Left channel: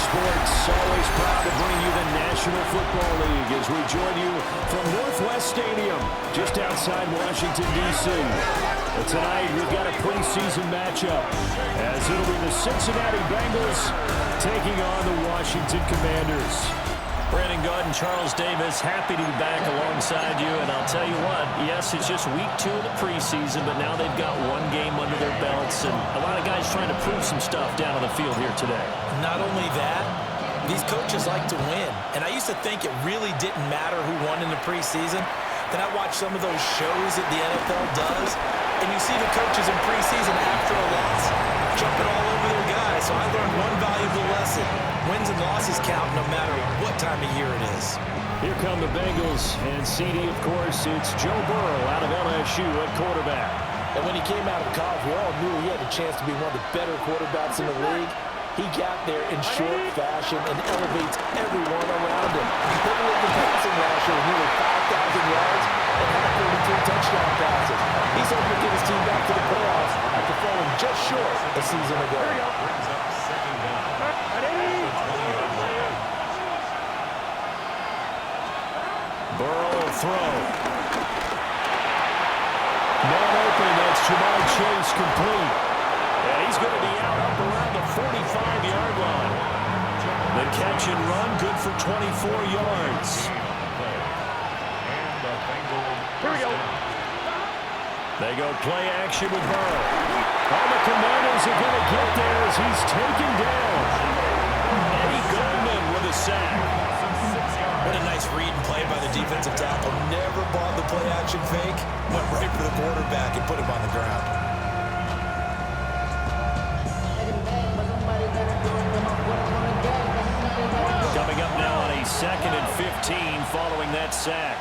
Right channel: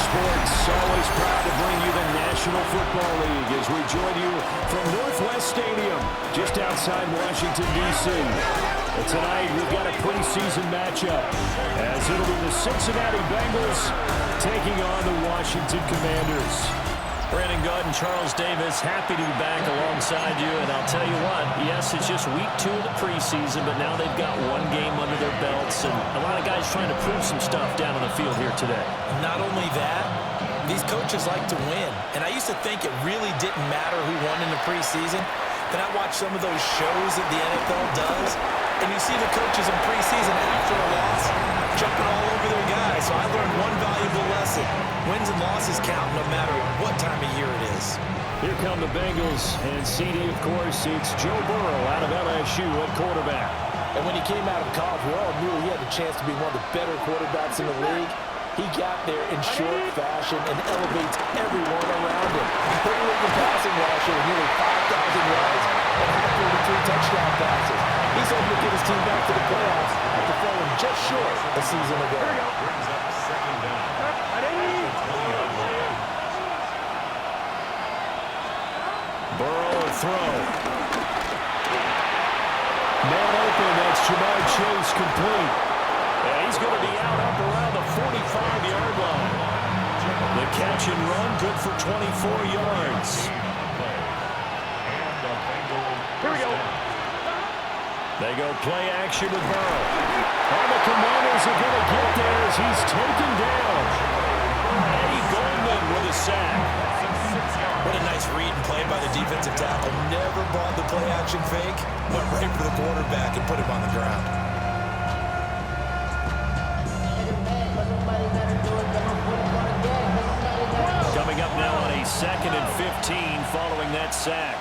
Sports, always proud to bring you the National Football League as we join you from Northwest Stadium, just outside Washington, D.C. But tonight, we've got a preseason matchup, as it'll be the Cincinnati Bengals taking on the Washington Commanders. Brandon Gaud and Charles Davis, happy to be back alongside you. And I'll tell you what, yes, it's just week 2 of the preseason, but now they've got one game under their belts. And a lot of guys trying to prove some stuff down on the field here today. Not only that, these coaches like to win. And I used to think it really didn't matter who won in the preseason. Then I watch some of those shows that the NFL does, and you see the coaches in preseason after a loss jumping all over their guys. So I learned one valuable lesson. Wins and losses count no matter what time of year it is. Here come the Bengals, and CD, of course, it's Joe Burrow out of LSU at quarterback. And when he came out of college, we all knew he had a chance to be one of the better quarterbacks in the league. He got there in short fashion and elevates everyone around him. He put the league in passing last year with nearly 5,000 yards and had 43 touchdown passes. He's hoping to get his team back to the playoffs after falling just short a season ago. Brings up second down. Burrow will throw. Man open, that's Jamar Chase complete. And he's going to be out up around the 45-yard line. The catch and run, good for 24 yards. Here we go. They go play action with Burrow. Oh, the Commanders are going to get there as he's taken down. Eddie Goldman with a sack. What a nice read and play by the defensive tackle. Never bought the play-action fake. Went right for the quarterback and put him on the ground. Coming up now on a 2nd and 15 following that sack.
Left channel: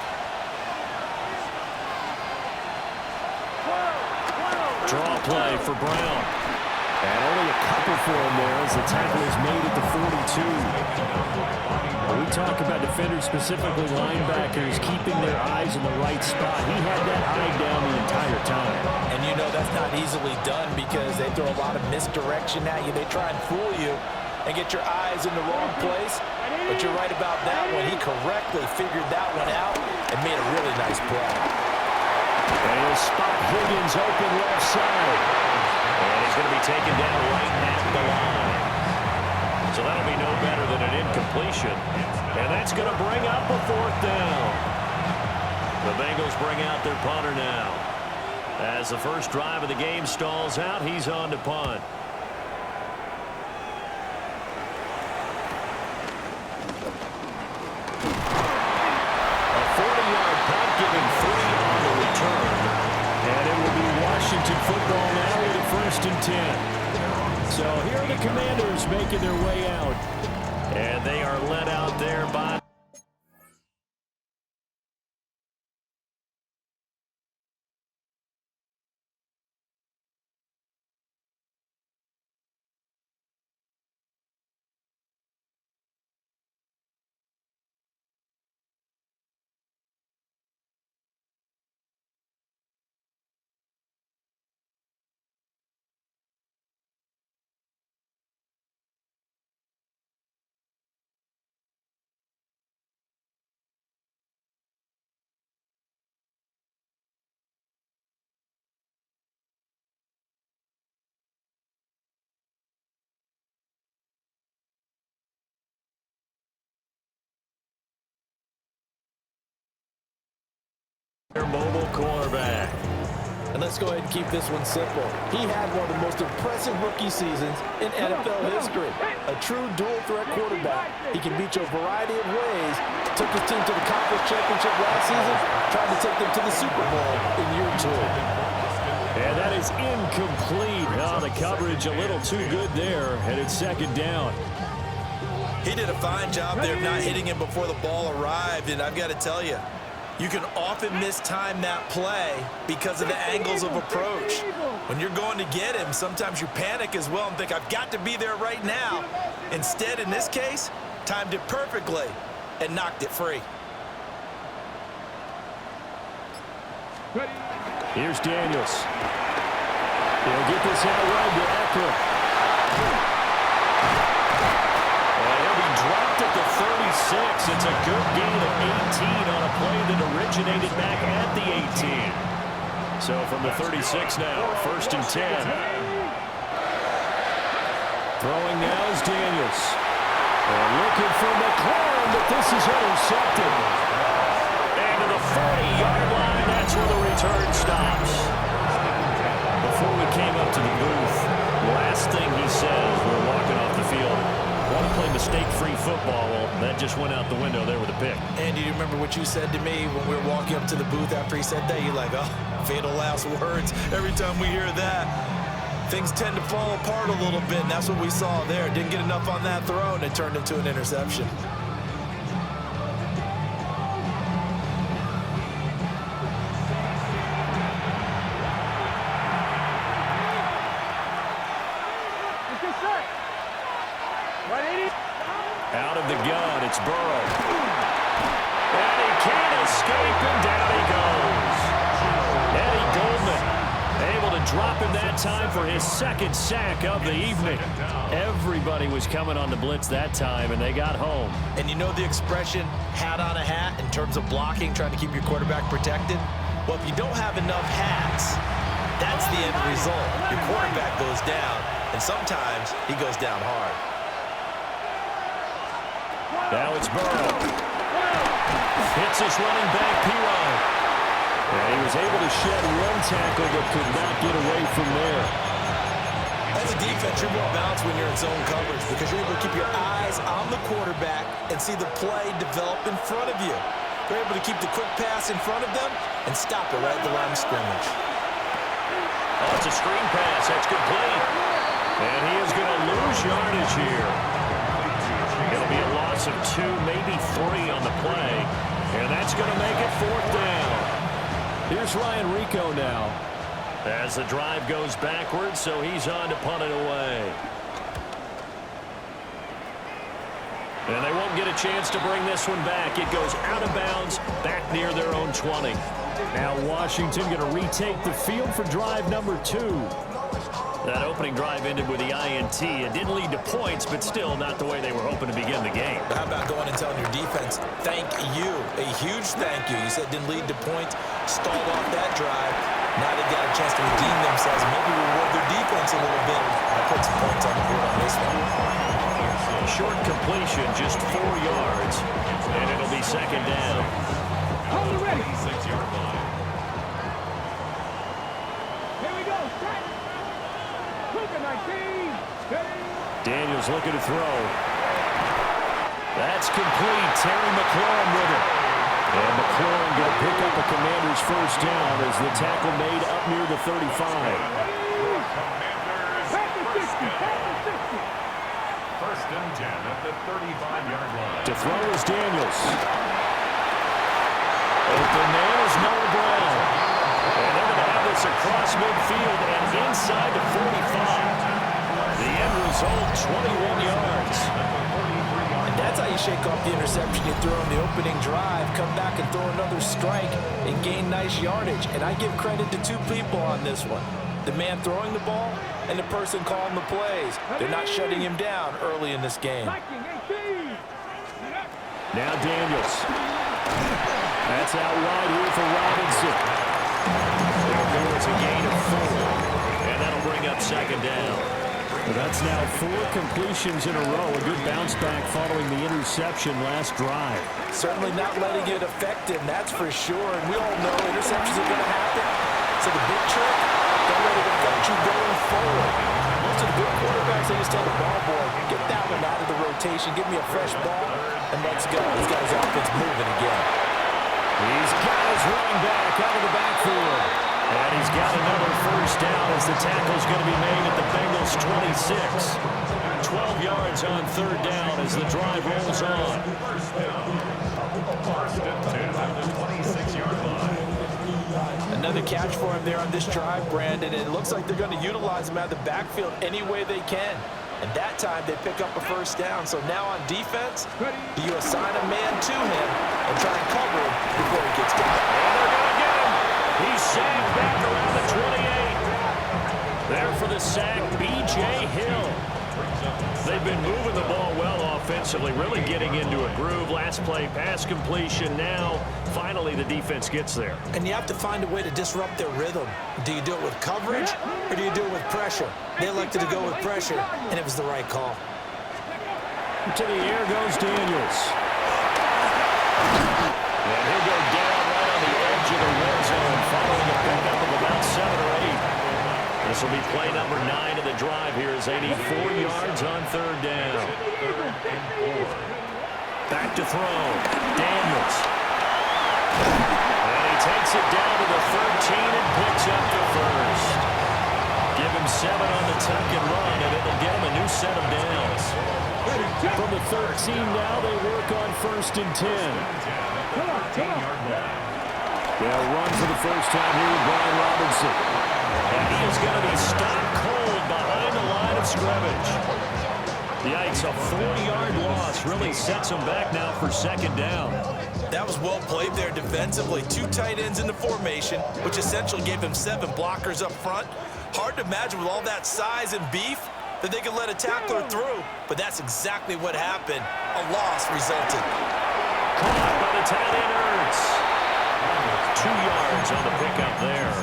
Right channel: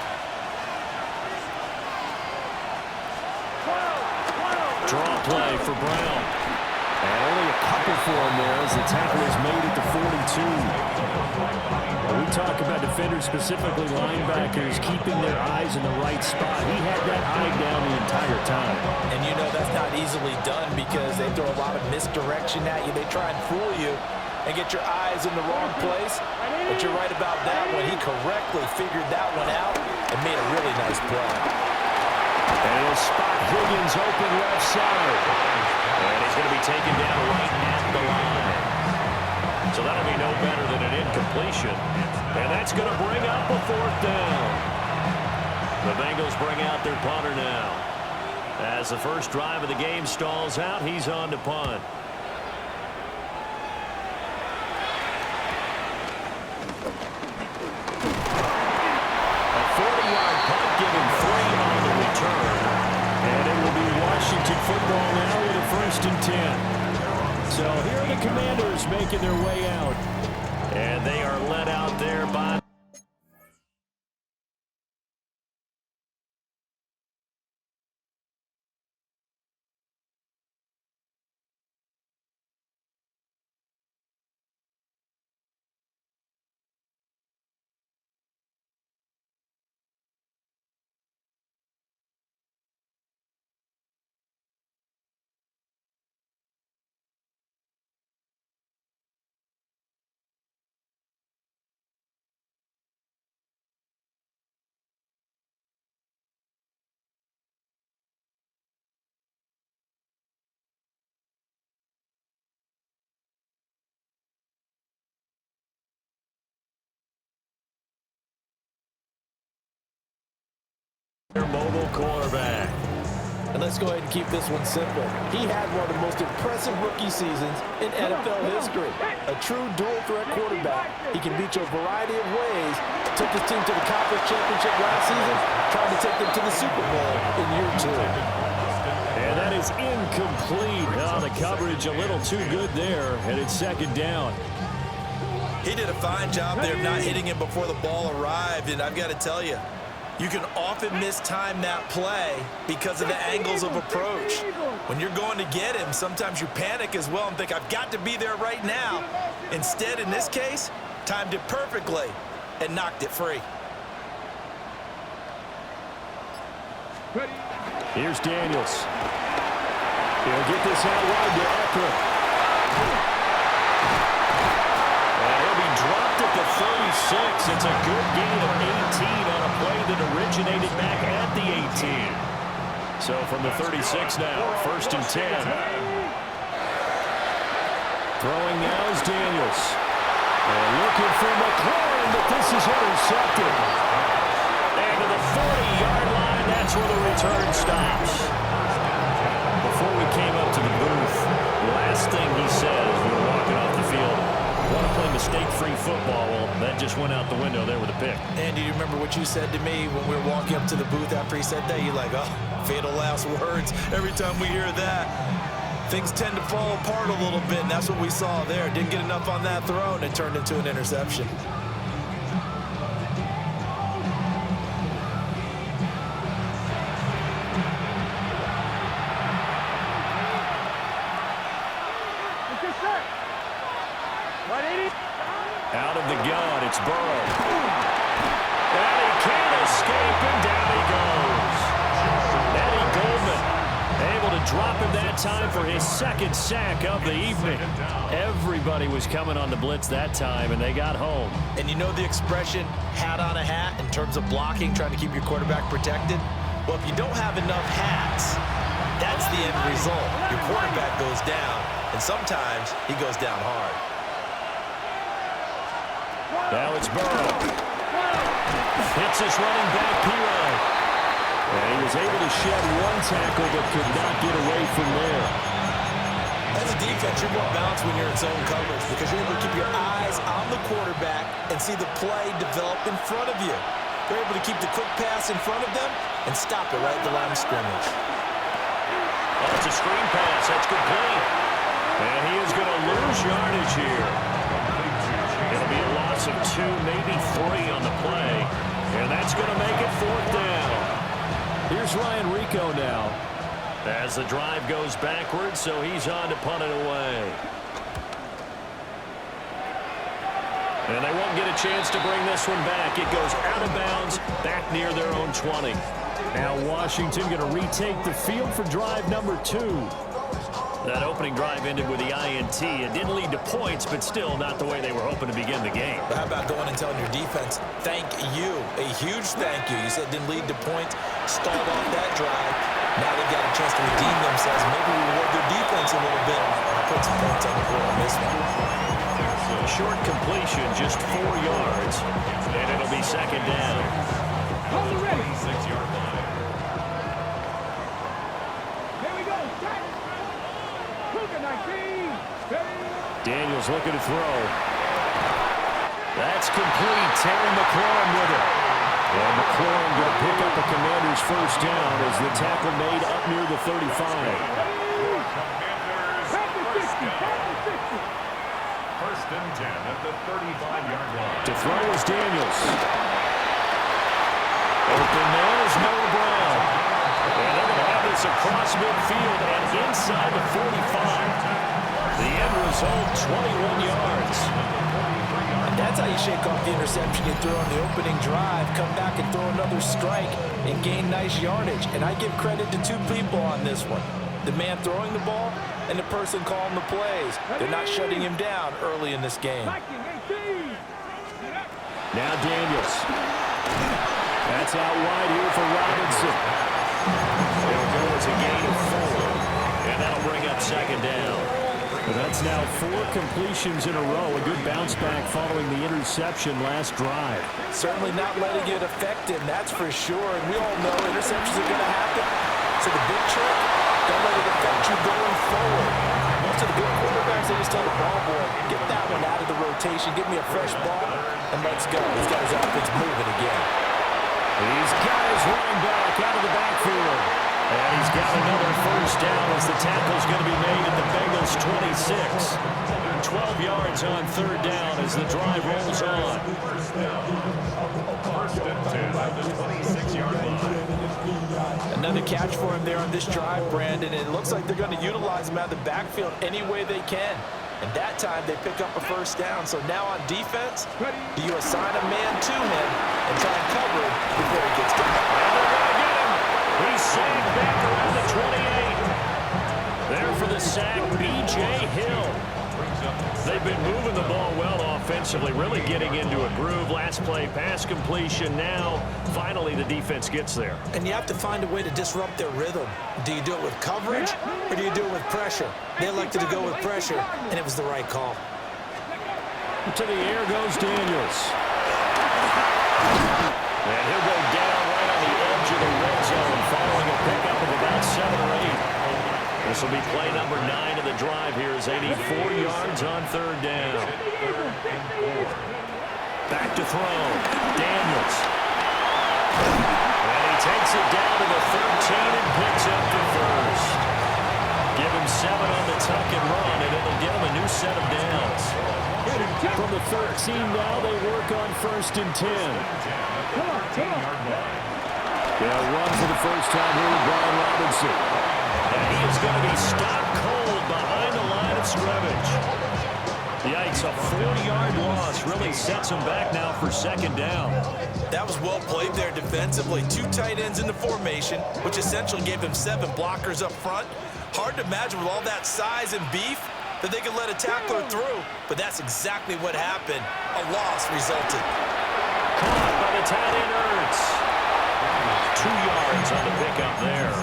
Draw play for Brown. And only a couple for him there as the tackle is made at the 42. When we talk about defenders, specifically linebackers, keeping their eyes in the right spot, he had that eye down the entire time. And you know that's not easily done because they throw a lot of misdirection at you. They try and fool you and get your eyes in the wrong place. But you're right about that one. He correctly figured that one out and made a really nice play. And he'll spot Higgins open left side. And he's going to be taken down right at the line. So that'll be no better than an incompletion. And that's going to bring up a 4th down. The Bengals bring out their punter now. As the first drive of the game stalls out, he's on to punt. A 40-yard punt giving 3 on the return. And it will be Washington football now with a 1st and 10. So here are the Commanders making their way out. And they are led out there by... Their mobile quarterback. And let's go ahead and keep this one simple. He had one of the most impressive rookie seasons in NFL history. A true dual-threat quarterback. He can beat you a variety of ways. Took his team to the conference championship last season, trying to take them to the Super Bowl in year 2. And that is incomplete. Oh, the coverage a little too good there, and it's 2nd down. He did a fine job there of not hitting him before the ball arrived, and I've got to tell you, you can often mistime that play because of the angles of approach. When you're going to get him, sometimes you panic as well and think, I've got to be there right now. Instead, in this case, timed it perfectly and knocked it free. Here's Daniels. He'll get this out wide to Eckler. And dropped at the 36. It's a good gain of 18 on a play that originated back at the 18. So from the 36 now, 1st and 10. Throwing now is Daniels. And looking for McLaurin, but this is intercepted. And to the 40-yard line, that's where the return stops. Before we came up to the booth, last thing he said as we were walking off the field, want to play mistake-free football. Well, that just went out the window there with a pick. Andy, do you remember what you said to me when we were walking up to the booth after he said that? You're like, oh, fatal last words. Every time we hear that, things tend to fall apart a little bit, and that's what we saw there. Didn't get enough on that throw, and it turned into an interception. Out of the gun, it's Burrow. And he can't escape, and down he goes. Eddie Goldman able to drop him that time for his 2nd sack of the evening. Everybody was coming on the blitz that time, and they got home. And you know the expression, hat on a hat, in terms of blocking, trying to keep your quarterback protected? Well, if you don't have enough hats, that's the end result. Your quarterback goes down, and sometimes he goes down hard. Now it's Burrow. Hits his running back, Pirine. And he was able to shed 1 tackle but could not get away from there. As a defense, you're more balanced when you're in zone coverage because you're able to keep your eyes on the quarterback and see the play develop in front of you. You're able to keep the quick pass in front of them and stop it right at the line of scrimmage. Oh, it's a screen pass. That's complete. And he is going to lose yardage here. It'll be a loss of 2, maybe 3 on the play. And that's going to make it 4th down. Here's Ryan Rico now. As the drive goes backwards, so he's on to punt it away. And they won't get a chance to bring this one back. It goes out of bounds, back near their own 20. Now Washington going to retake the field for drive number 2. That opening drive ended with the INT. It didn't lead to points, but still not the way they were hoping to begin the game. But how about going and telling your defense, thank you, a huge thank you. You said it didn't lead to points, stalled off that drive. Now they've got a chance to redeem themselves, maybe reward their defense a little bit. I put some points on the board on this one. Short completion, just 4 yards, and it'll be 2nd down. On the 26-yard line. Here we go. Daniels looking to throw. That's complete. Terry McLaurin with it. And McLaurin going to pick up a Commander's 1st down as the tackle made up near the 35. Commanders, 1st and 10 at the 35-yard line. To throw is Daniels. Open man is Noah Brown. And they're going to have this across midfield and inside the 45. The end result, 21 yards. And that's how you shake off the interception you throw on the opening drive, come back and throw another strike and gain nice yardage. And I give credit to 2 people on this one. The man throwing the ball and the person calling the plays. They're not shutting him down early in this game. Now Daniels. That's out wide here for Robinson. It'll go as a gain of 4. And that'll bring up 2nd down. Well, that's now 4 completions in a row. A good bounce back following the interception last drive. Certainly not letting it affect him, that's for sure. And we all know interceptions are going to happen. So the big trick, don't let it affect you going forward. Most of the good quarterbacks, they just tell the ball boy, get that one out of the rotation, give me a fresh ball, and let's go. He's got his offense moving again. He's got his running back out of the backfield. And he's got another 1st down as the tackle's going to be made at the Bengals 26. 12 yards on 3rd down as the drive rolls on. 1st and 10 at the 26-yard line. Another catch for him there on this drive, Brandon. And it looks like they're going to utilize him out of the backfield any way they can. And that time they pick up a 1st down. So now on defense, do you assign a man to him and try and cover him before he gets down? And they're going to get him. He's sagged back around the 28. There for the sack, B.J. Hill. They've been moving the ball well offensively, really getting into a groove. Last play, pass completion. Now, finally, the defense gets there. And you have to find a way to disrupt their rhythm. Do you do it with coverage, or do you do it with pressure? They elected to go with pressure, and it was the right call. To the air goes Daniels. And he'll go down right on the edge of the red zone following a pickup of about 7 or 8. This will be play number 9 of the drive here as they need 4 yards on 3rd down. Back to throw. Daniels. And he takes it down to the 13 and picks up the first. Give him 7 on the tuck and run, and it'll get him a new set of downs. From the 13 now, they work on 1st and 10. Yeah, run for the first time here with Brian Robinson. And he is going to be stopped cold behind the line of scrimmage. Yikes, a 4-yard loss really sets him back now for 2nd down. That was well played there defensively. 2 tight ends in the formation, which essentially gave him 7 blockers up front. Hard to imagine with all that size and beef that they could let a tackler through, but that's exactly what happened. A loss resulted. Caught by the tight end Ertz. 2 yards on the pickup there.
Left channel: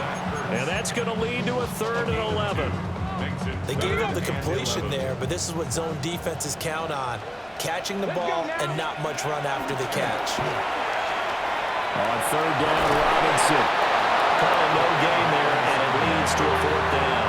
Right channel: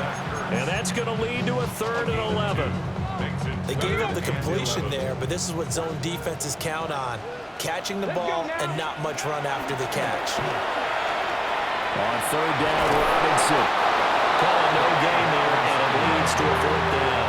And that's going to lead to a 3rd and 11. They gave up the completion there, but this is what zone defenses count on. Catching the ball and not much run after the catch. On 3rd down, Robinson. Calling no gain there, and it leads to a 4th down.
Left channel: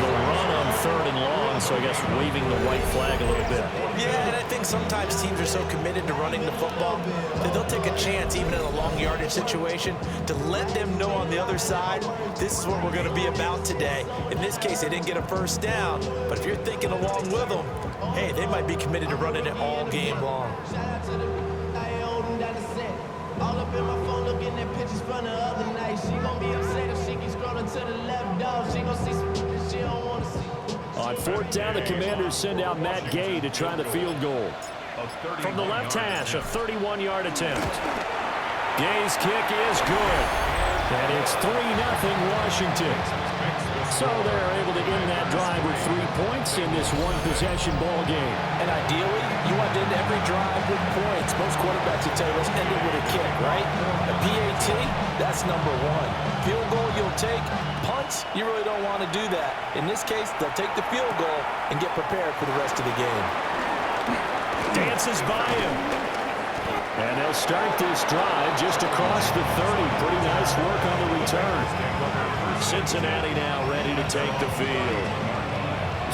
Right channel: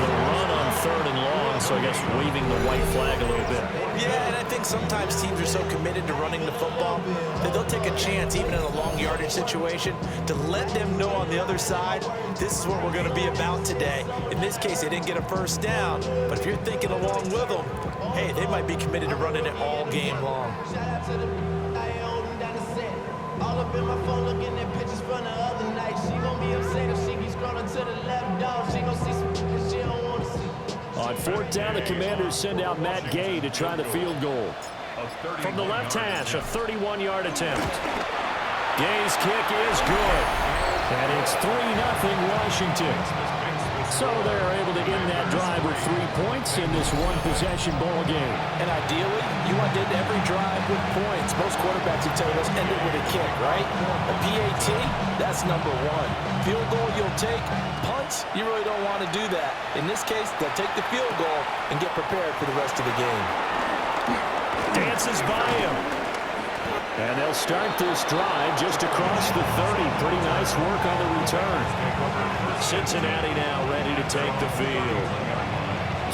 The run on 3rd and long, so I guess waving the white flag a little bit. Yeah, and I think sometimes teams are so committed to running the football that they'll take a chance, even in a long yardage situation, to let them know on the other side, this is what we're going to be about today. In this case, they didn't get a 1st down, but if you're thinking along with them, hey, they might be committed to running it all game long. All up in my phone looking at pictures from the other night. She gon' be upset if she keeps scrolling to the left, dog. She gon' see some that she don't wanna see. On 4th down, the Commanders send out Matt Gay to try the field goal. From the left hash, a 31-yard attempt. Gay's kick is good. And it's 3-0 Washington. So they're able to end that drive with 3 points in this one-possession ball game. And ideally, you want to end every drive with points. Most quarterbacks would tell you, let's end it with a kick, right? A PAT, that's number 1. Field goal you'll take. Punts, you really don't want to do that. In this case, they'll take the field goal and get prepared for the rest of the game. Dances by him. And they'll start this drive just across the 30. Pretty nice work on the return. Cincinnati now ready to take the field.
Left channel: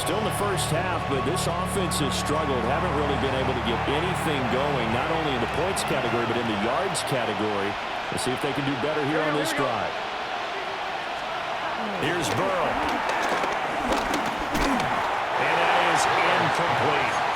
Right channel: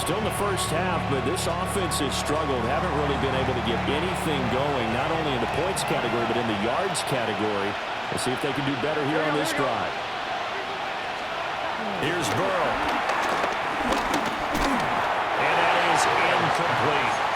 Still in the first half, but this offense has struggled. Haven't really been able to get anything going, not only in the points category, but in the yards category. Let's see if they can do better here on this drive. Here's Burrow. And that is incomplete.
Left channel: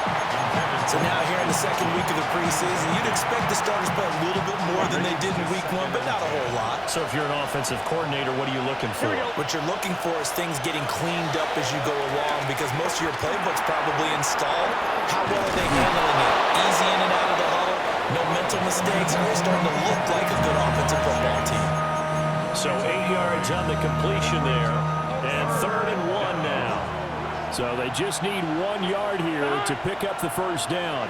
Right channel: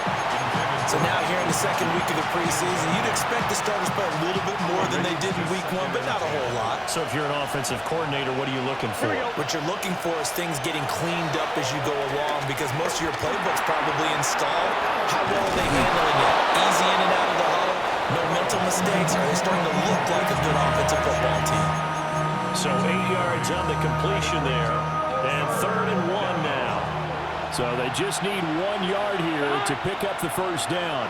So now here in the 2nd week of the preseason, you'd expect the starters to play a little bit more than they did in week 1, but not a whole lot. So if you're an offensive coordinator, what are you looking for? What you're looking for is things getting cleaned up as you go along, because most of your playbook's probably installed. How well are they handling it? Easy in and out of the huddle? No mental mistakes? Are they starting to look like a good offensive football team? So 8 yards on the completion there, and 3rd and 1 now. So they just need 1 yard here to pick up the 1st down.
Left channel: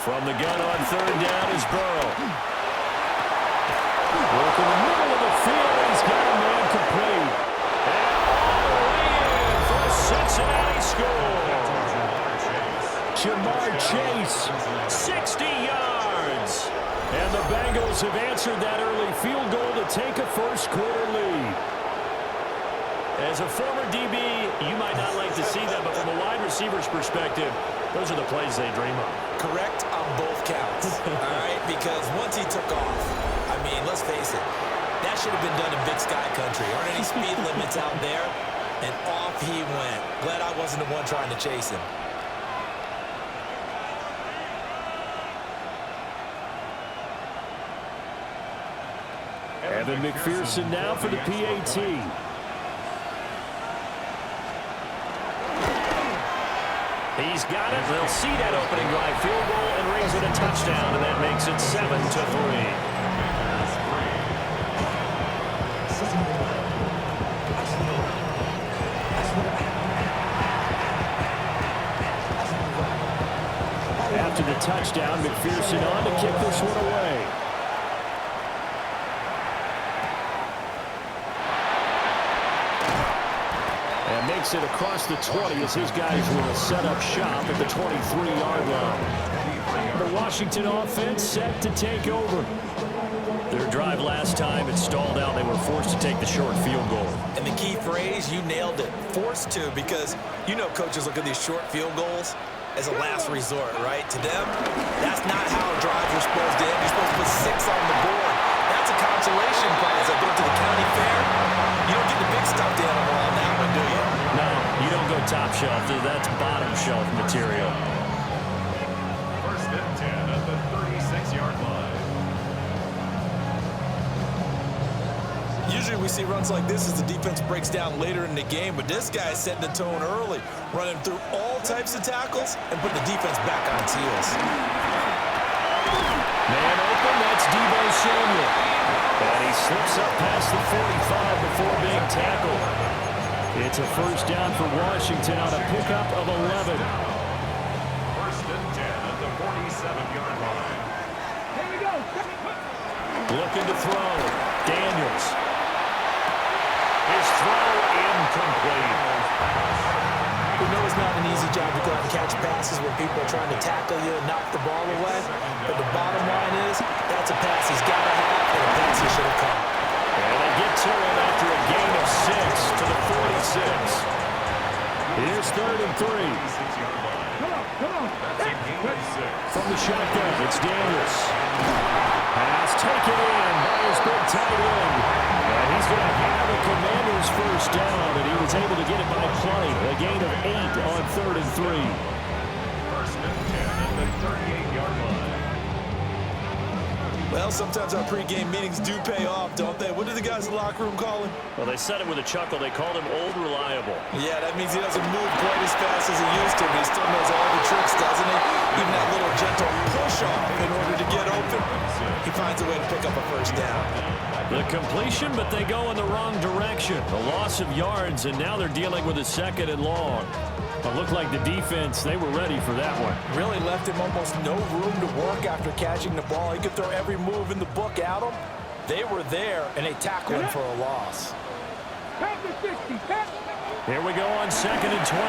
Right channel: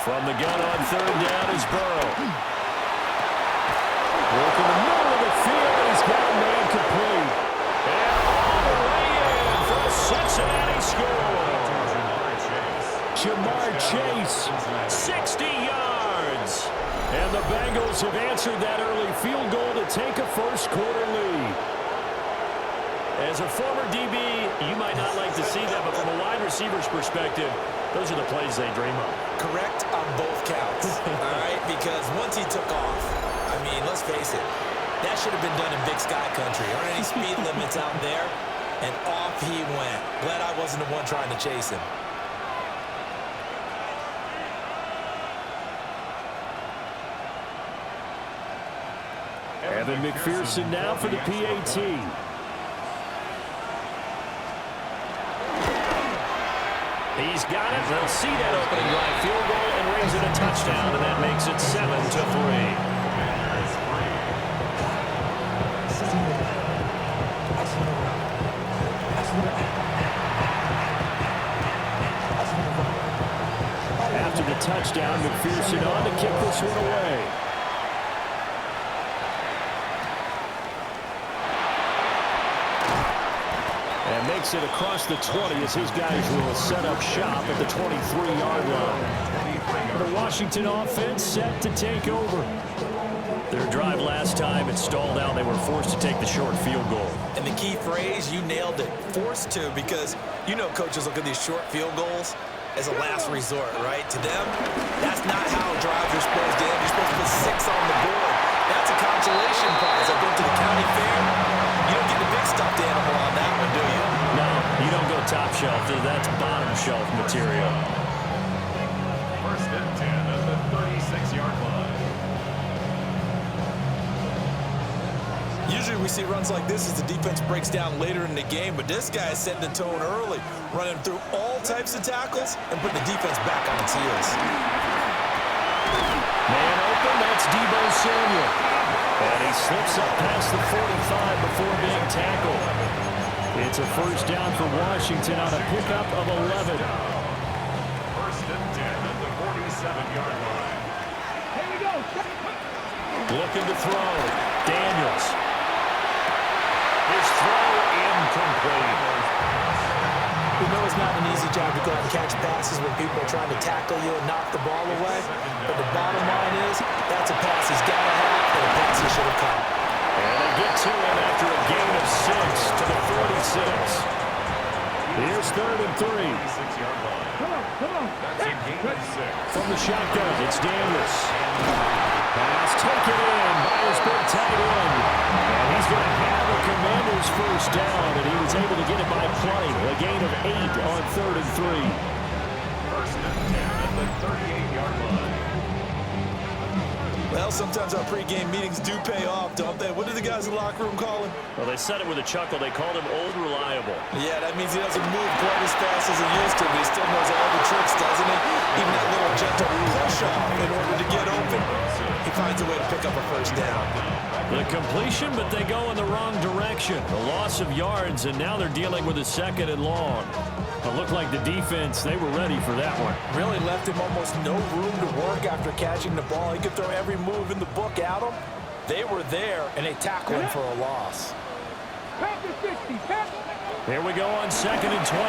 From the gun on 3rd down is Burrow. Work in the middle of the field, and he's got a man complete. And all the way in for a Cincinnati score. Jamar Chase, 60 yards. And the Bengals have answered that early field goal to take a 1st quarter lead. As a former DB, you might not like to see that, but from a wide receiver's perspective, those are the plays they dream of. Correct on both counts, all right? Because once he took off, I mean, let's face it, that should have been done in Big Sky Country. Aren't any speed limits out there? And off he went. Glad I wasn't the one trying to chase him. Evan McPherson now for the PAT. He's got it. They'll see that opening drive field goal and raise it a touchdown, and that makes it 7-3. touchdown. McPherson on to kick this one away. And makes it across the 20 as his guys will set up shop at the 23-yard line. The Washington offense set to take over. Their drive last time, it stalled out. They were forced to take the short field goal. And the key phrase, you nailed it, forced to, because you know coaches look at these short field goals as a last resort, right? To them, that's not how drives are supposed to end. You're supposed to put 6 on the board. That's a consolation prize. I go to the county fair. You don't get the big stuffed animal on that one, do you? No, you don't go top shelf. That's bottom shelf material. First and 10 at the 36-yard line. Usually we see runs like this as the defense breaks down later in the game, but this guy is setting the tone early, running through all types of tackles and putting the defense back on its heels. Man open, that's Deebo Samuel. And he slips up past the 45 before being tackled. It's a first down for Washington on a pickup of 11. First and 10 at the 47-yard line. Here we go. Looking to throw. Daniels. His throw incomplete. We know it's not an easy job to go out and catch passes when people are trying to tackle you and knock the ball away. But the bottom line is, that's a pass he's got to have and a pass he should have caught. And they get to him after a gain of 6 to the 46. Here's 3rd and 3. 36-yard line. Come on. That's a gain of 6. From the shotgun, it's Daniels. Pass taken in by his big tight end. And he's going to have a Commander's first down, and he was able to get it by plenty. A gain of 8 on 3rd and 3. First and 10 at the 38-yard line. Well, sometimes our pregame meetings do pay off, don't they? What do the guys in the locker room call him? Well, they said it with a chuckle. They called him Old Reliable. Yeah, that means he doesn't move quite as fast as he used to, but he still knows all the tricks, doesn't he? Even that little gentle push-off in order to get open. He finds a way to pick up a first down. The completion, but they go in the wrong direction. A loss of yards, and now they're dealing with a 2nd and long. It looked like the defense, they were ready for that one. Really left him almost no room to work after catching the ball. He could throw every move in the book at him. They were there, and they tackled him for a loss. Here we go on 2nd and 12.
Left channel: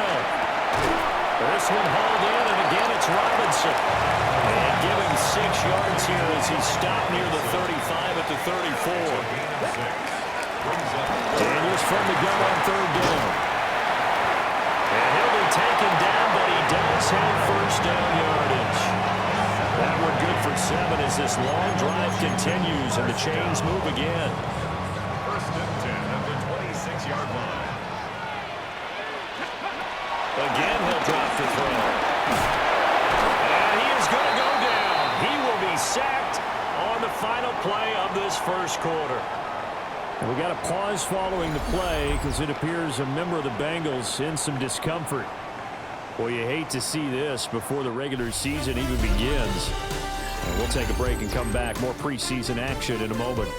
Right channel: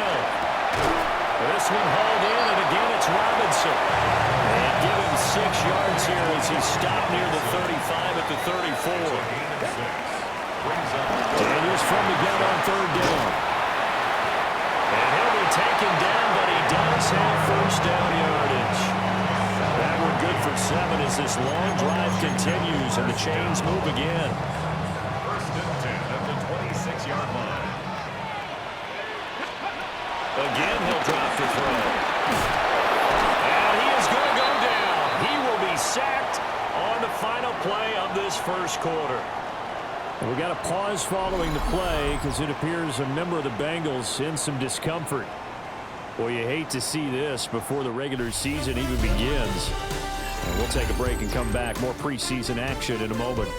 This one hauled in, and again it's Robinson. And give him 6 yards here as he stopped near the 35 at the 34. Daniels from the gun on 3rd down. And he'll be taken down, but he does have first down yardage. That one good for 7 as this long drive continues and the chains move again. First and 10 at the 26-yard line. Again, he'll drop the throw. And he is going to go down. He will be sacked on the final play of this first quarter. And we got a pause following the play because it appears a member of the Bengals in some discomfort. Well, you hate to see this before the regular season even begins. And we'll take a break and come back. More preseason action in a moment.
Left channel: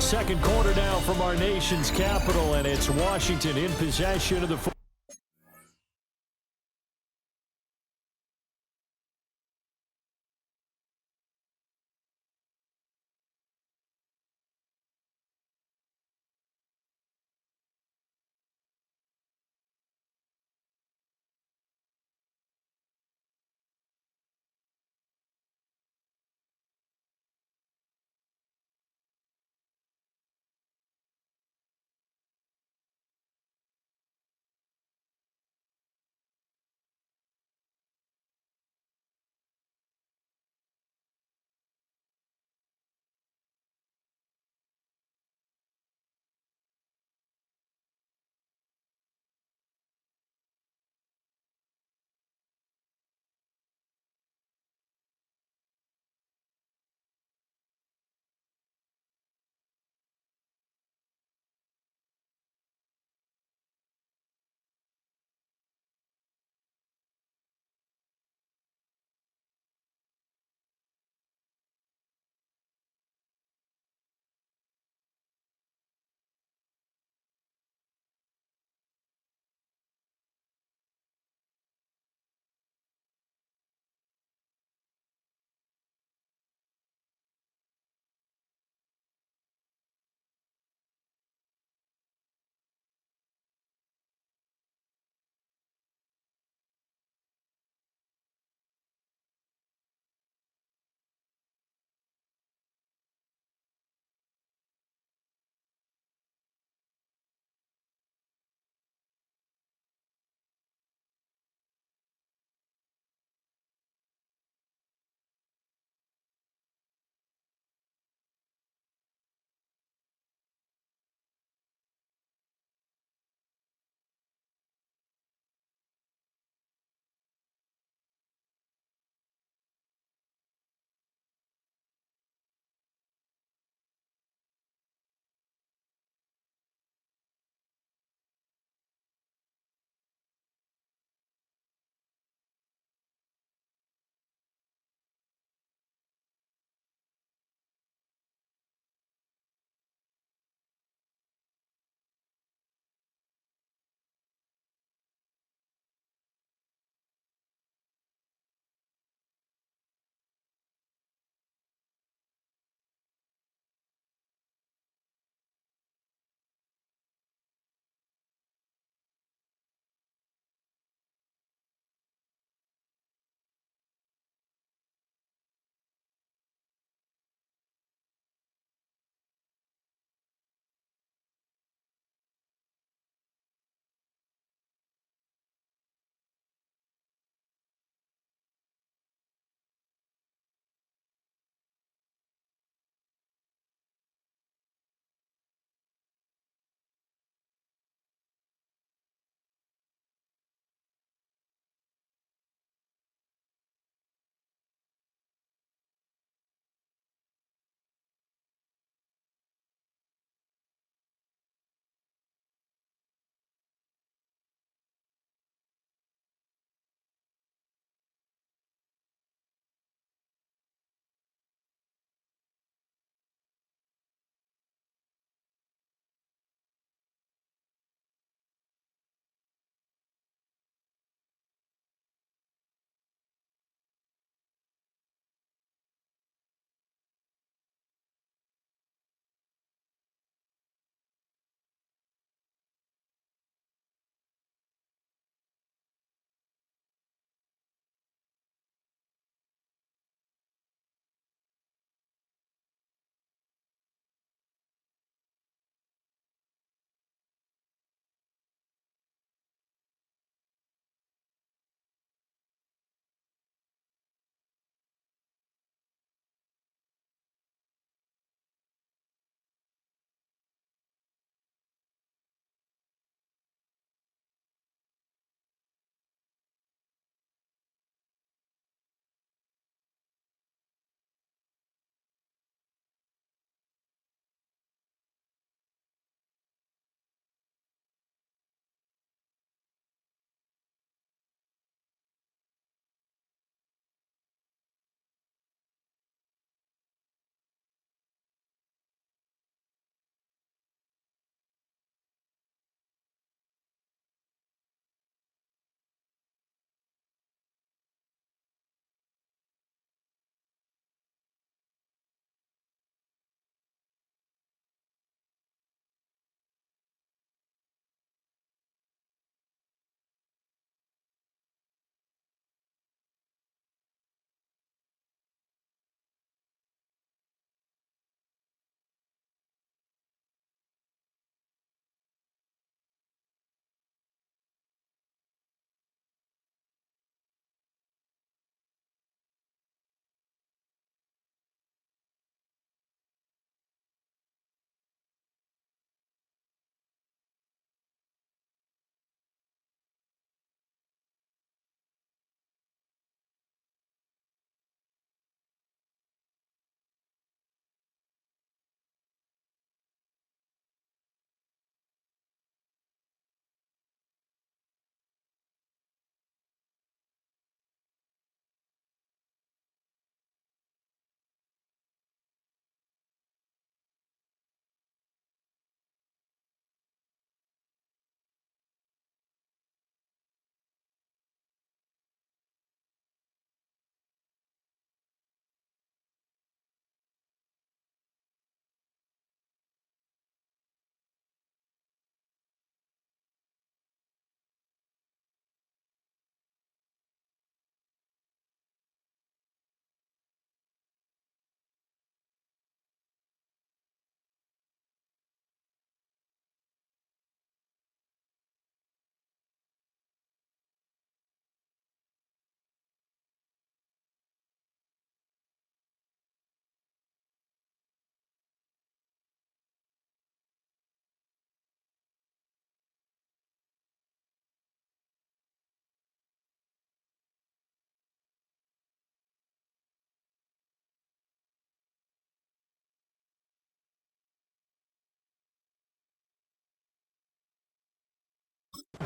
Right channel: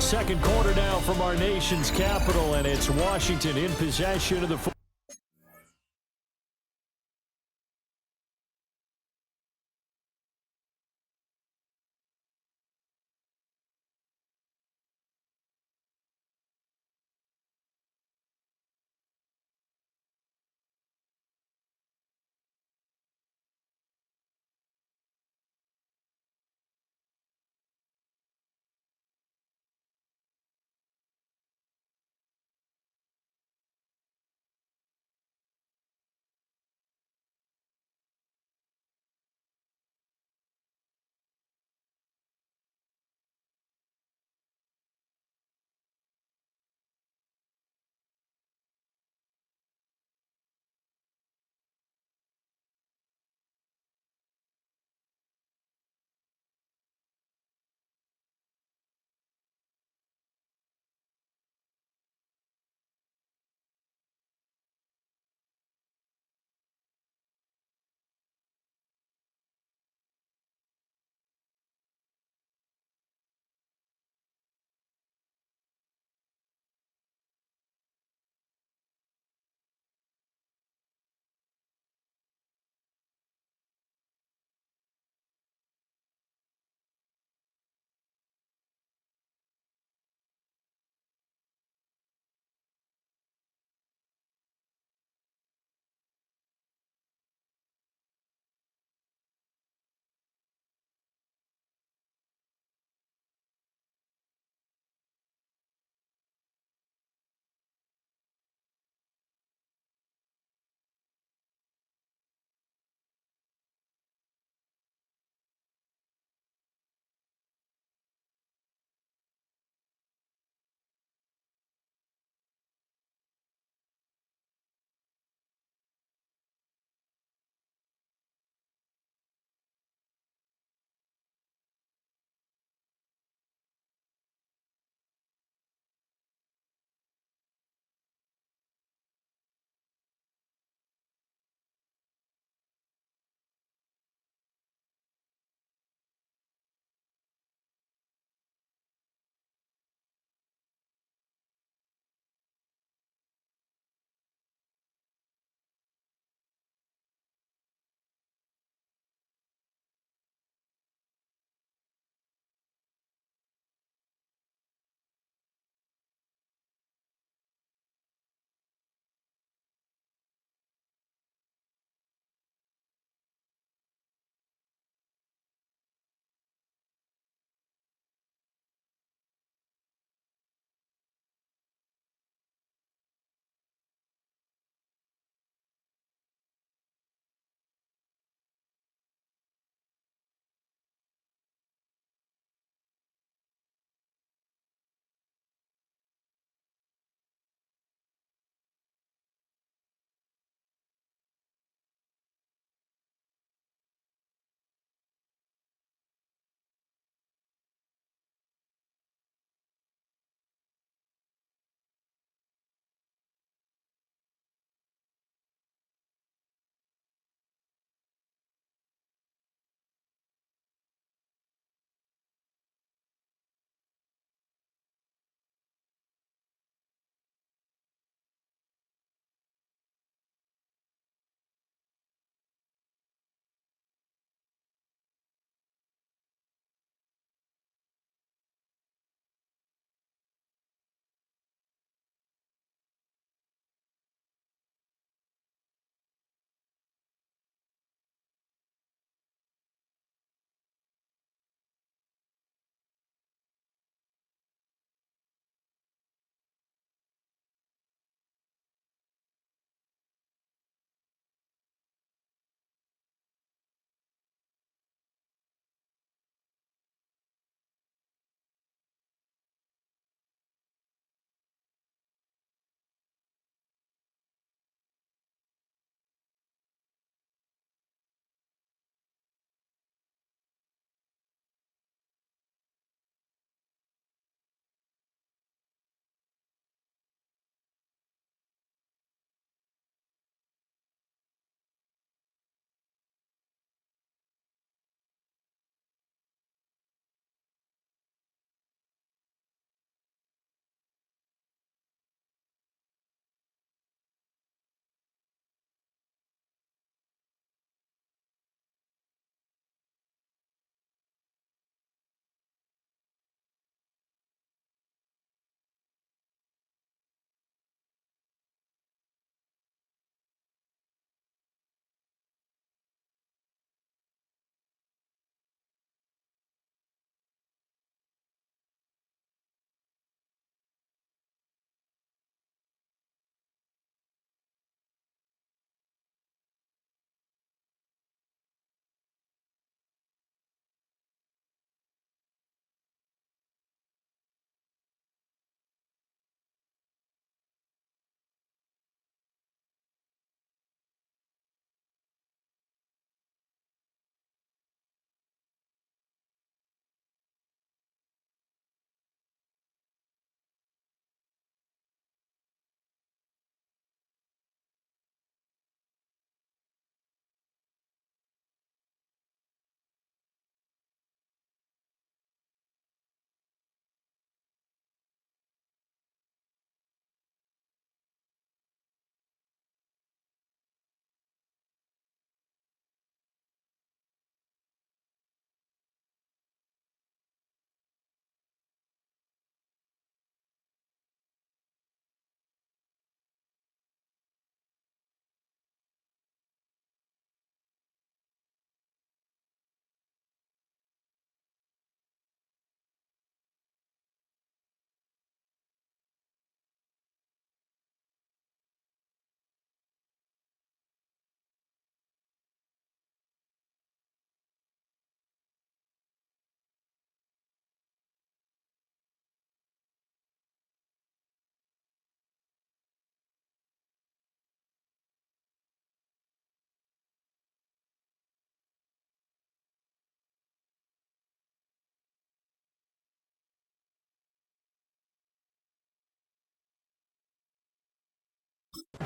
Second quarter now from our nation's capital, and it's Washington in possession of the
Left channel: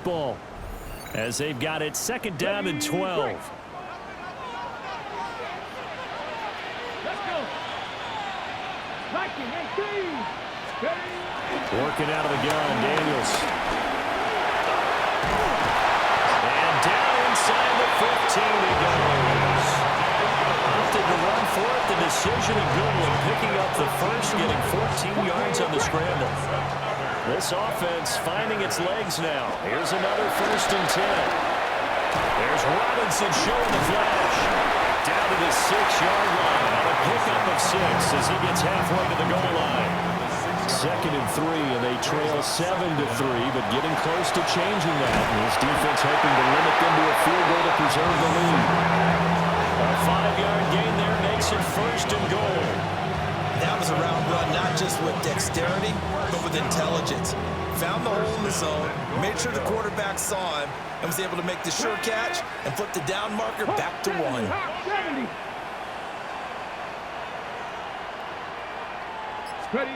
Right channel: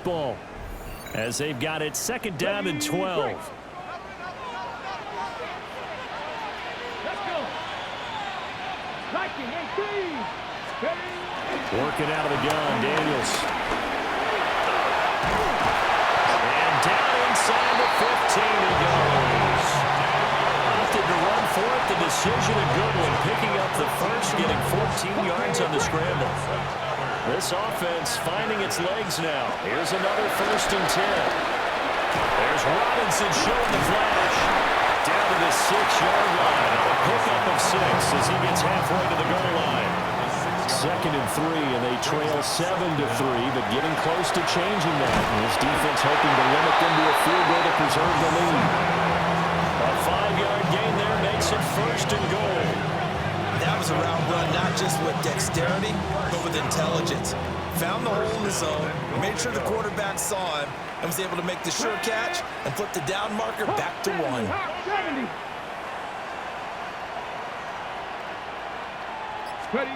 Ball as they've got it second down and 12. Let's go. Liking 18. Working out of the gun, Daniels. And down inside the 15 he goes. Opted to run for it. The decision a good one. Picking up the first, getting 14 yards on the scramble. This offense finding its legs now. Here's another 1st and 10. There's Robinson showing the flash. Down to the 6-yard line on a pickup of 6 as he gets halfway to the goal line. 2nd and 3, and they trail 7-3, but getting close to changing that. And his defense hoping to limit them to a field goal to preserve the lead. A 5-yard gain there makes it 1st and goal. That was a route run, not just with dexterity, but with intelligence. Found the hole in the zone, made sure the quarterback saw him, and was able to make the sure catch and flip the down marker back to 1. 70. Ready.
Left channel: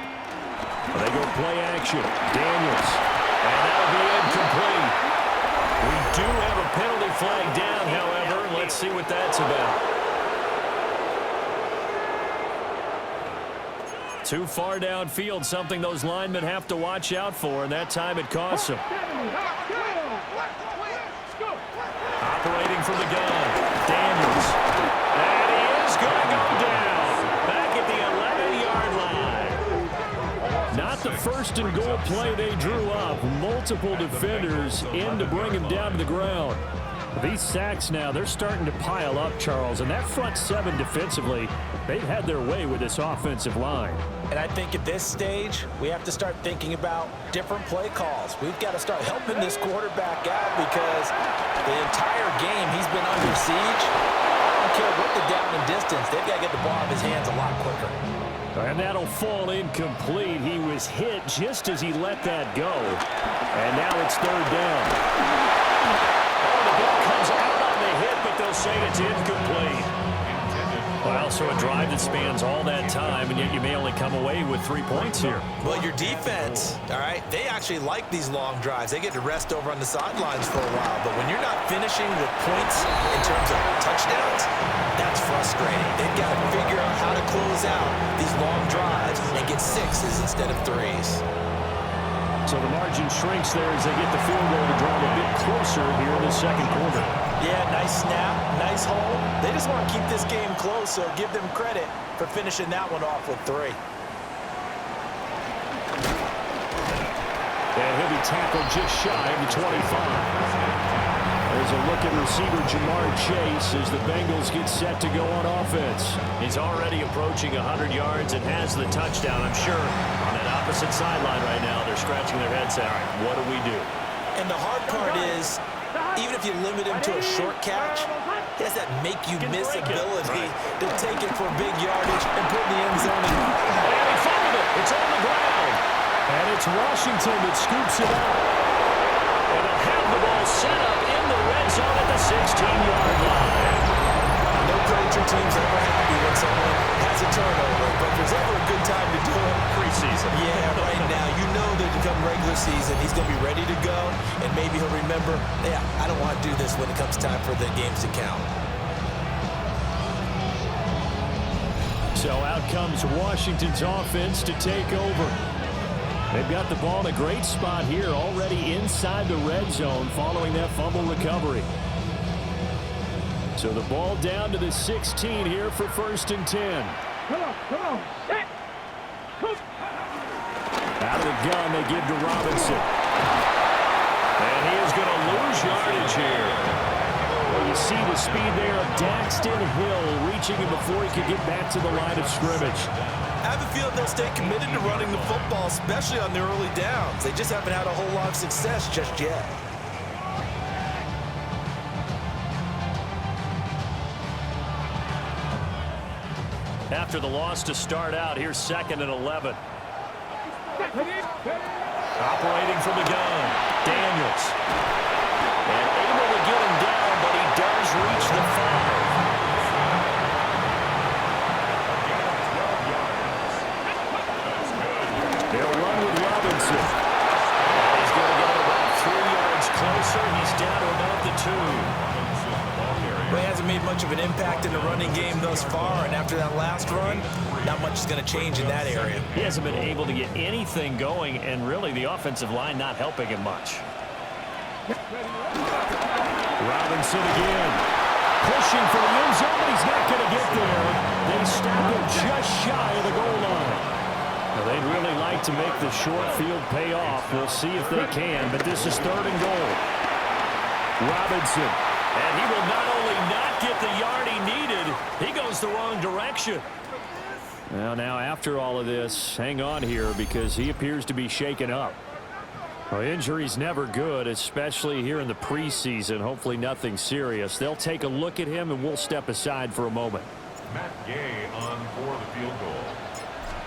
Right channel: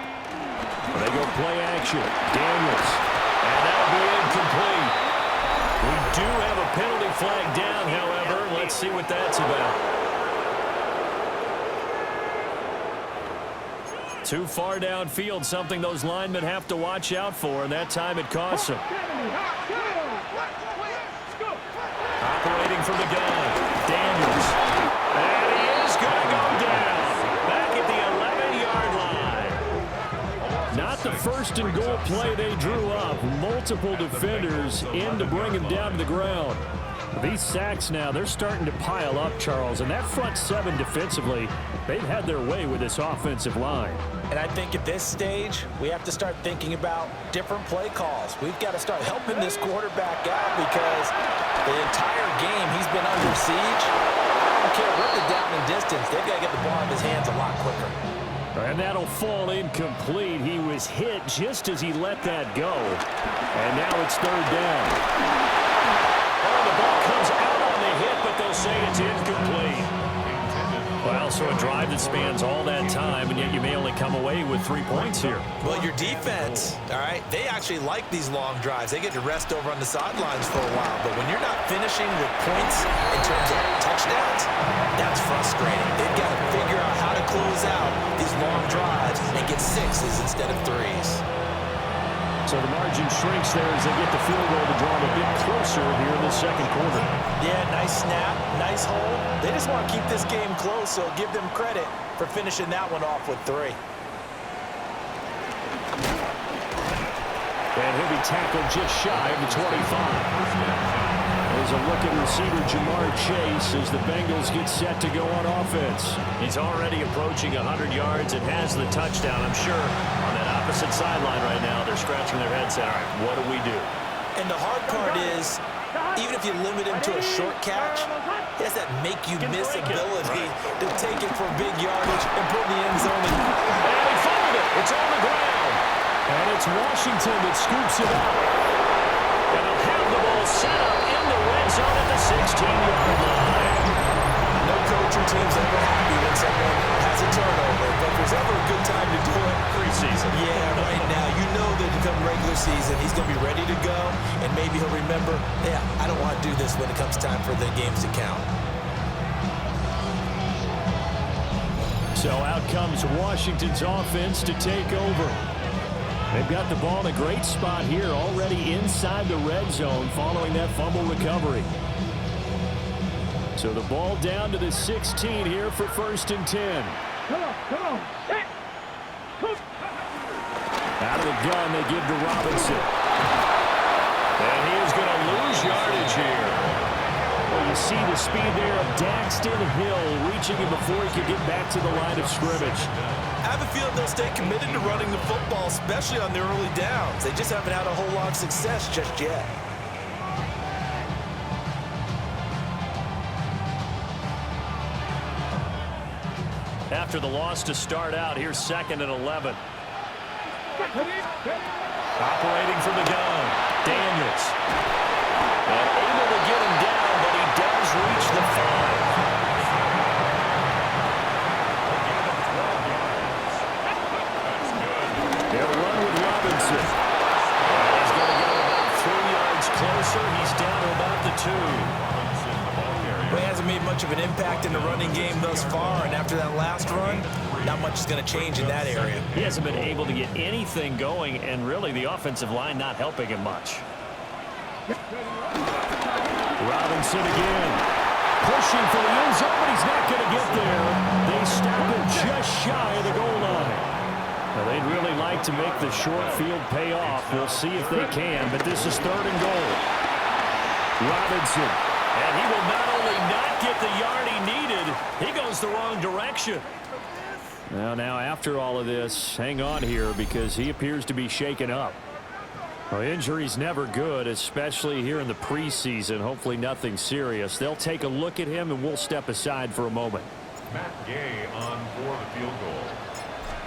They go play action. Daniels. And that'll be incomplete. We do have a penalty flag down, however. Let's see what that's about. Too far downfield, something those linemen have to watch out for, and that time it costs them. Operating from the gun, Daniels. And he is going to go down. Back at the 11-yard line. Not the 1st and goal play they drew up. Multiple defenders in to bring him down to the ground. These sacks now, they're starting to pile up, Charles, and that front 7 defensively, they've had their way with this offensive line. And I think at this stage, we have to start thinking about different play calls. We've got to start helping this quarterback out because the entire game he's been under siege. I don't care what the down and distance, they've got to get the ball out of his hands a lot quicker. And that'll fall incomplete. He was hit just as he let that go. And now it's 3rd down. Oh, the ball comes out on the hit, but they'll say it's incomplete. Well, so a drive that spans all that time, and yet you may only come away with 3 points here. Well, your defense, all right, they actually like these long drives. They get to rest over on the sidelines for a while. But when you're not finishing with points in terms of touchdowns, that's frustrating. They've got to figure out how to close out these long drives and get 6s instead of 3s. So the margin shrinks there as they get the field goal to draw them a bit closer here in the 2nd quarter. Yeah, nice snap, nice hole. They just want to keep this game close, so give them credit for finishing that one off with 3. And he'll be tackled just shy of the 25. There's a look at receiver Jamar Chase as the Bengals get set to go on offense. He's already approaching 100 yards and has the touchdown. I'm sure on that opposite sideline right now, they're scratching their heads saying, all right, what do we do? And the hard part is, even if you limit him to a short catch, he has that make-you-miss ability to take it for big yardage and put in the end zone. And he fumbled it. It's on the ground. And it's Washington that scoops it out. And they'll have the ball set up in the red zone at the 16-yard line. No coach or team's ever happy when someone has a turnover, but if there's ever a good time to do it, Preseason. yeah, right now. You know that come regular season, he's going to be ready to go, and maybe he'll remember, yeah, I don't want to do this when it comes time for the games to count. So out comes Washington's offense to take over. They've got the ball in a great spot here, already inside the red zone following that fumble recovery. So the ball down to the 16 here for 1st and 10. Come on. Set. Cook. Out of the gun, they give to Robinson. And he is going to lose yardage here. Well, you see the speed there of Daxton Hill reaching him before he could get back to the line of scrimmage. I have a feeling they'll stay committed to running the football, especially on their early downs. They just haven't had a whole lot of success just yet. After the loss to start out, here's 2nd and 11. Operating from the gun, Daniels. And able to get him down, but he does reach the 5. They'll run with Robinson. And he's going to get him about 3 yards closer. closer. He's down to about the 2. Well, he hasn't made much of an impact in the running game thus far, and after that last run, not much is going to change in that area. He hasn't been able to get anything going, and really the offensive line not helping him much. Robinson again. Pushing for the end zone, but he's not going to get there. They stop him just shy of the goal line. Now, they'd really like to make the short field pay off. We'll see if they can, but this is 3rd and goal. Robinson. And he will not only not get the yard he needed, he goes the wrong direction. Now after all of this, hang on here because he appears to be shaken up. Well, injury's never good, especially here in the preseason. Hopefully nothing serious. They'll take a look at him, and we'll step aside for a moment. Matt Gay on for the field goal.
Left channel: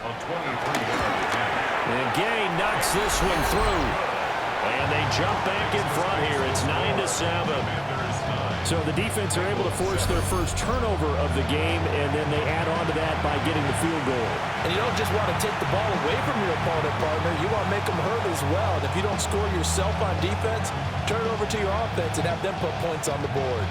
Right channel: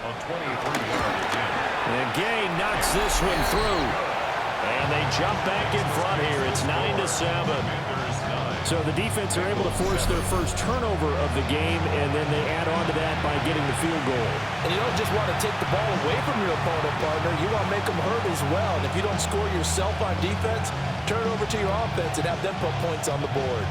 A 23-yard attempt. And Gay knocks this one through. And they jump back in front here. It's 9-7. So the defense are able to force their first turnover of the game, and then they add on to that by getting the field goal. And you don't just want to take the ball away from your opponent, partner. You want to make them hurt as well. And if you don't score yourself on defense, turn it over to your offense and have them put points on the board.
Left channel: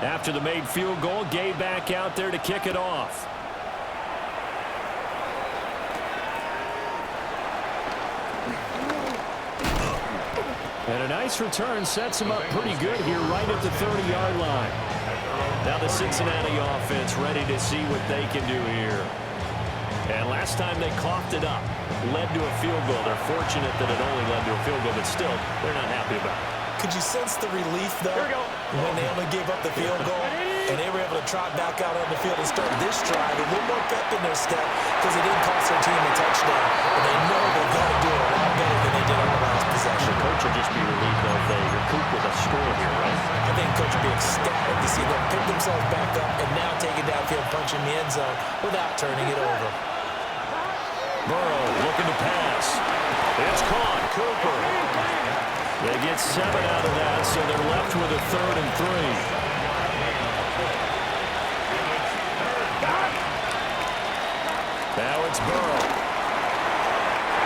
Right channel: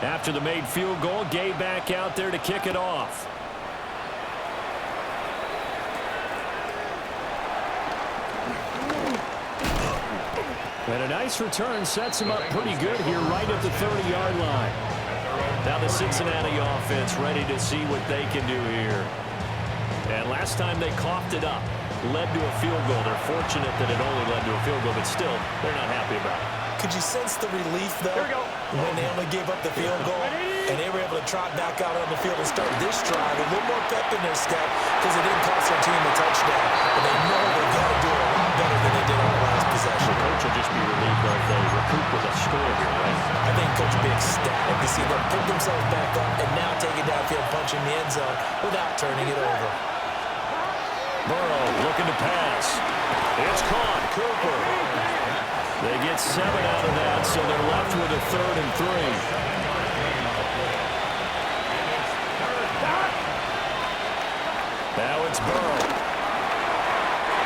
After the made field goal, Gay back out there to kick it off. And a nice return sets him up pretty good here right at the 30-yard line. Now the Cincinnati offense ready to see what they can do here. And last time they coughed it up, led to a field goal. They're fortunate that it only led to a field goal, but still, they're not happy about it. Could you sense the relief, though, when they only gave up the field goal and they were able to trot back out on the field and start this drive with a little more pep in their step because it didn't cost their team a touchdown. But they know they've got to do it a lot better than they did on the last possession. The coach will just be relieved though if they recoup with a score here, right? I think coach will be ecstatic to see them pick themselves back up and now take it downfield, punch in the end zone without turning it over. Burrow looking to pass. It's caught. Cooper. They get 7 out of that, so they're left with a 3rd and 3. Now it's Burrow.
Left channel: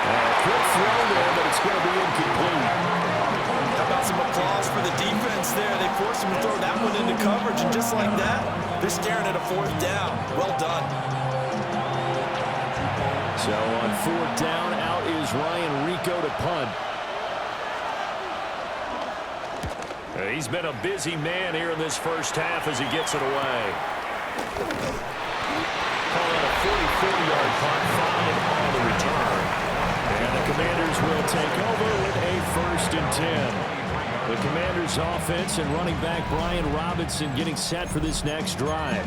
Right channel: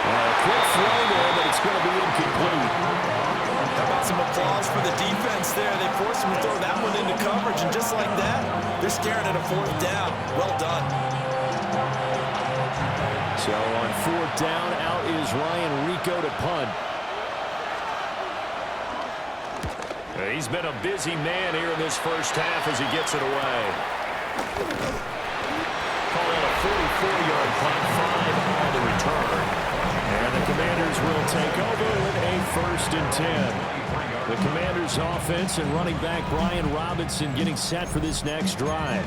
A quick throw there, but it's going to be incomplete. How about some applause for the defense there? They forced him to throw that one into coverage, and just like that, they're staring at a 4th down. Well done. So on 4th down, out is Ryan Rico to punt. He's been a busy man here in this first half as he gets it away. Call that a 44-yard punt, 5 on the return. And the Commanders will take over with a 1st and 10. The Commanders' offense and running back Brian Robinson getting set for this next drive.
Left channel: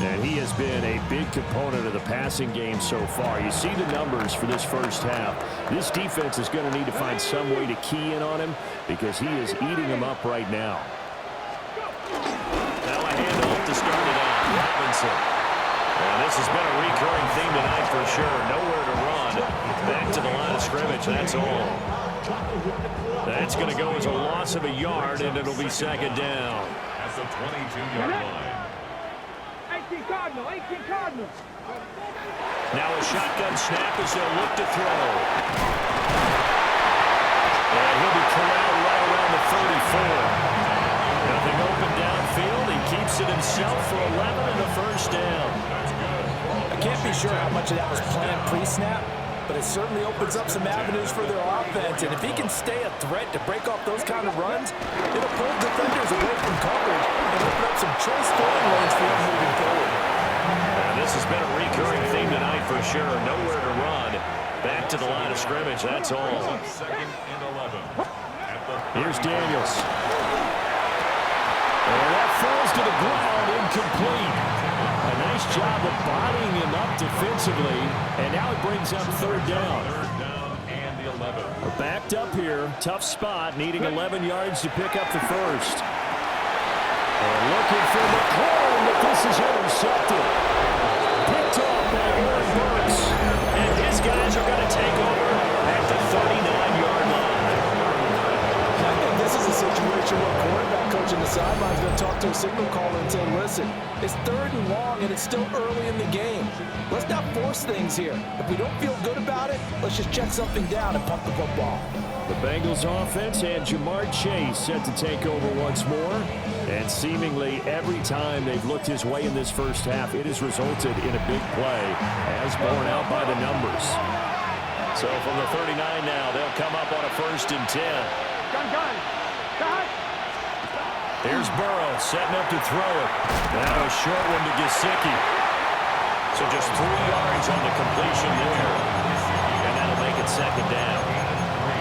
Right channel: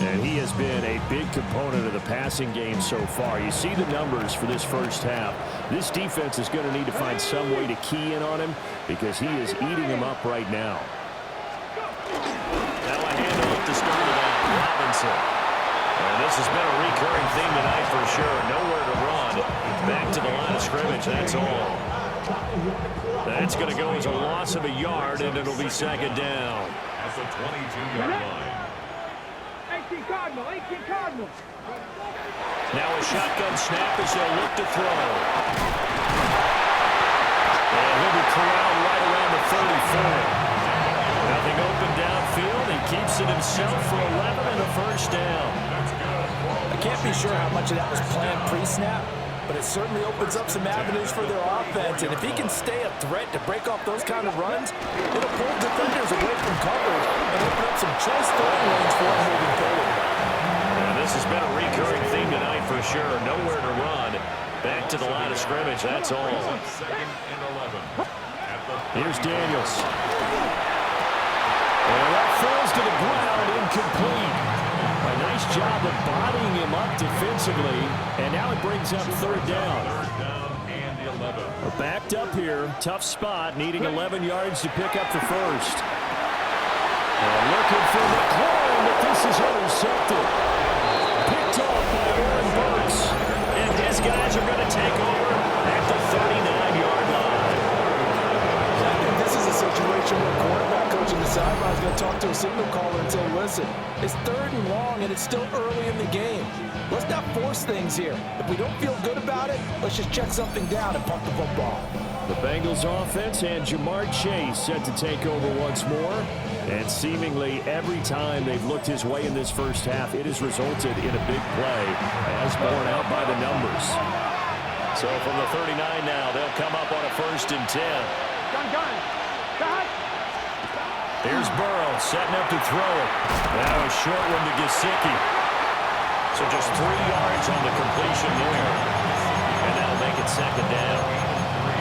And he has been a big component of the passing game so far. You see the numbers for this first half. This defense is going to need to find some way to key in on him because he is eating them up right now. Now a handoff to start it out. Robinson. And this has been a recurring theme tonight for sure. Nowhere to run. Back to the line of scrimmage. That's all. That's going to go as a loss of a yard, and it'll be 2nd down. At the 22-yard line. 18 Cardinal, 18 Cardinal. Now a shotgun snap as they'll look to throw. And he'll be corralled right around the 34. Nothing open downfield. He keeps it himself for 11 and a 1st down. I can't be sure how much of that was planned pre-snap, but it certainly opens up some avenues for their offense. And if he can stay a threat to break off those kind of runs, it'll pull defenders away from coverage and open up some choice throwing lanes for him moving forward. And this has been a recurring theme tonight for sure. Nowhere to run. Back to the line of scrimmage. That's all. 2nd and 11. Here's Daniels. And that falls to the ground, incomplete. A nice job of bodying him up defensively, and now it brings up 3rd down. 3rd down and 11. We're backed up here, tough spot, needing 11 yards to pick up the 1st. And looking for McLaurin, but this is intercepted. Picked off by Aaron Burks. And his guys are going to take over at the 39-yard line. situation where a quarterback coach in the sideline is going to talk to a signal caller and say, listen, it's 3rd and long and it's still early in the game. Let's not force things here. If we don't feel good about it, let's just check something down and pump the football. The Bengals offense and Jamar Chase set to take over once more. And seemingly every time they've looked his way in this first half, it has resulted in a big play, as borne out by the numbers. So from the 39 now, they'll come up on a 1st and 10. Gun. Cut. Here's Burrow setting up to throw it. Now a short one to Gesicki. So just 3 yards on the completion there. And that'll make it 2nd down.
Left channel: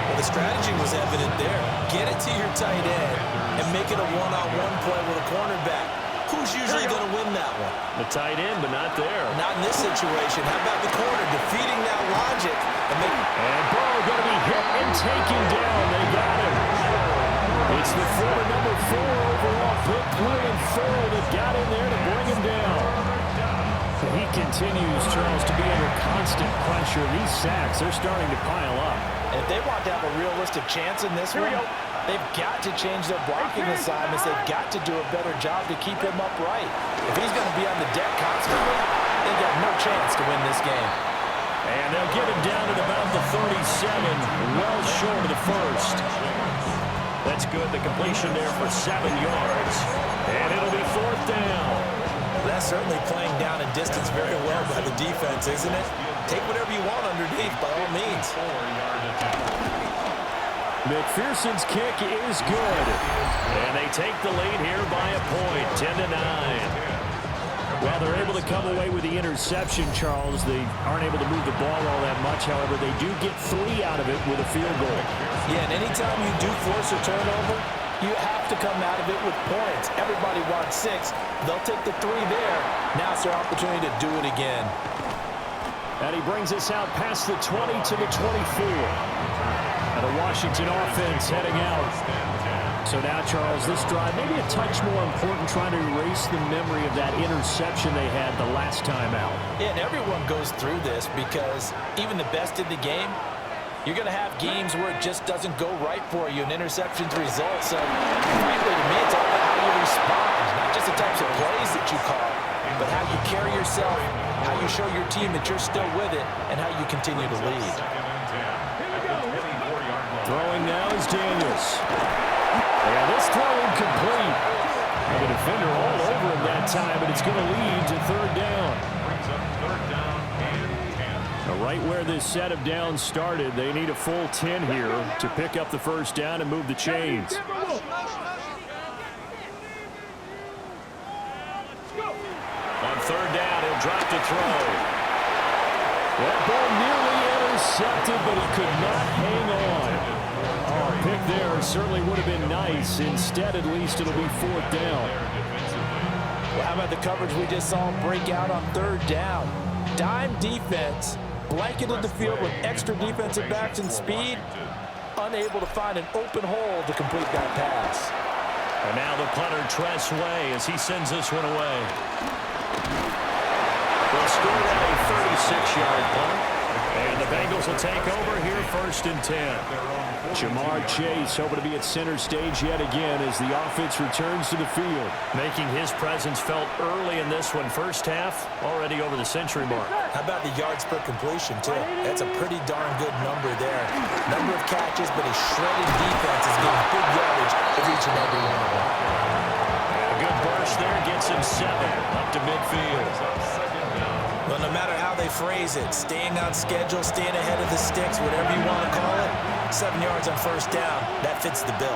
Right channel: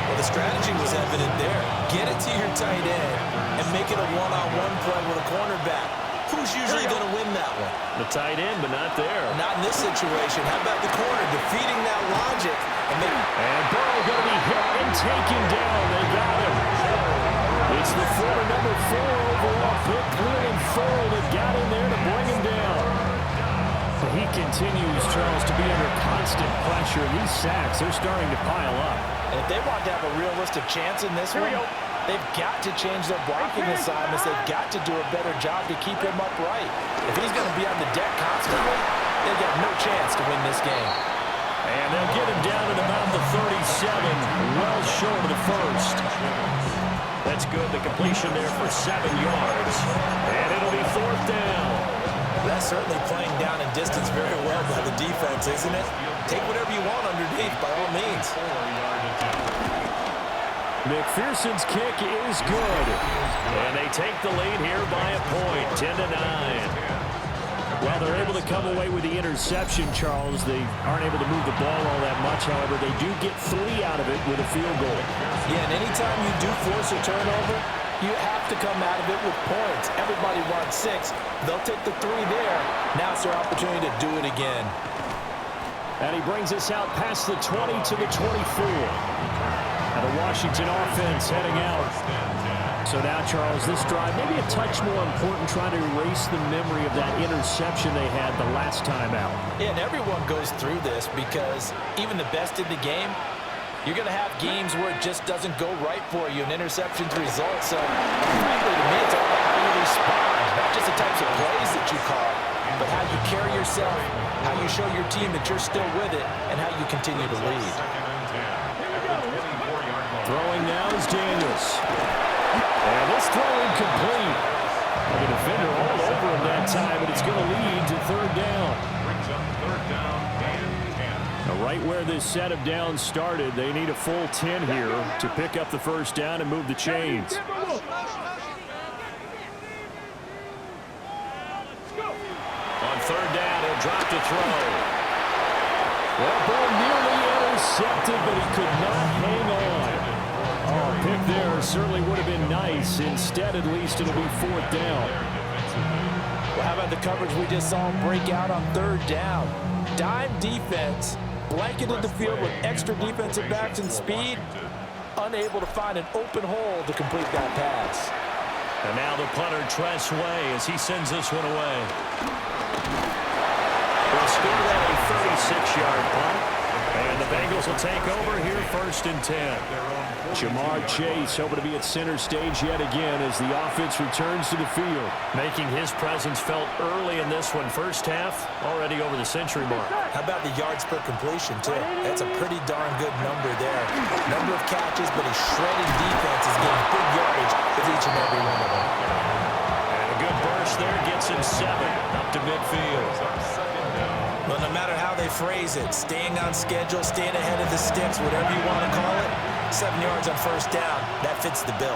Well, the strategy was evident there. Get it to your tight end and make it a one-on-one play with a cornerback. Who's usually going to win that one? The tight end, but not there. Not in this situation. How about the corner defeating that logic? And Burrow going to be hit and taken down. They got him. It's the former number 4 overall pick, Cleveland Ferrell, that got in there to bring him down. He continues, Charles, to be under constant pressure. These sacks, they're starting to pile up. And if they want to have a realistic chance in this one, they've got to change their blocking assignments. They've got to do a better job to keep him upright. If he's going to be on the deck constantly, they've got no chance to win this game. And they'll get him down at about the 37, well short of the 1st. That's good. The completion there for 7 yards. And it'll be 4th down. That's certainly playing down in distance very well by the defense, isn't it? Take whatever you want underneath, by all means. McPherson's kick is good. And they take the lead here by a point, 10-9. Well, they're able to come away with the interception, Charles. They aren't able to move the ball all that much. However, they do get 3 out of it with a field goal. Yeah, and anytime you do force a turnover, you have to come out of it with points. Everybody wants 6. They'll take the 3 there. Now it's their opportunity to do it again. And he brings us out past the 20 to the 24. And the Washington offense heading out. So now, Charles, this drive maybe a touch more important, trying to erase the memory of that interception they had the last time out. Yeah, and everyone goes through this because even the best in the game, you're going to have games where it just doesn't go right for you, and interceptions result. So, frankly, to me, it's all about how you respond, not just the types of plays that you call, but how you carry yourself, how you show your team that you're still with it, and how you continue to lead. Throwing now is Daniels. And this throw incomplete. The defender all over him that time, but it's going to lead to 3rd down. Brings up 3rd down and 10. Now, right where this set of downs started, they need a full 10 here to pick up the 1st down and move the chains. On 3rd down, he'll drop to throw. That ball nearly intercepted, but he could not hang on. Oh, pick there certainly would have been nice. Instead, at least, it'll be 4th down. Well, how about the coverage we just saw him break out on 3rd down? Dime defense, blanketed the field with extra defensive backs and speed, unable to find an open hole to complete that pass. And now the punter, Tress Way, as he sends this one away. They'll score that a 36-yard punt. And the Bengals will take over here 1st and 10. Jamar Chase hoping to be at center stage yet again as the offense returns to the field. Making his presence felt early in this one. First half, already over the century mark. How about the yards per completion, too? That's a pretty darn good number there. Number of catches, but a shredded defense is getting big yardage with each and every one of them. And a good burst there gets him 7 up to midfield. Well, no matter how they phrase it, staying on schedule, staying ahead of the sticks, whatever you want to call it, 7 yards on 1st down, that fits the bill.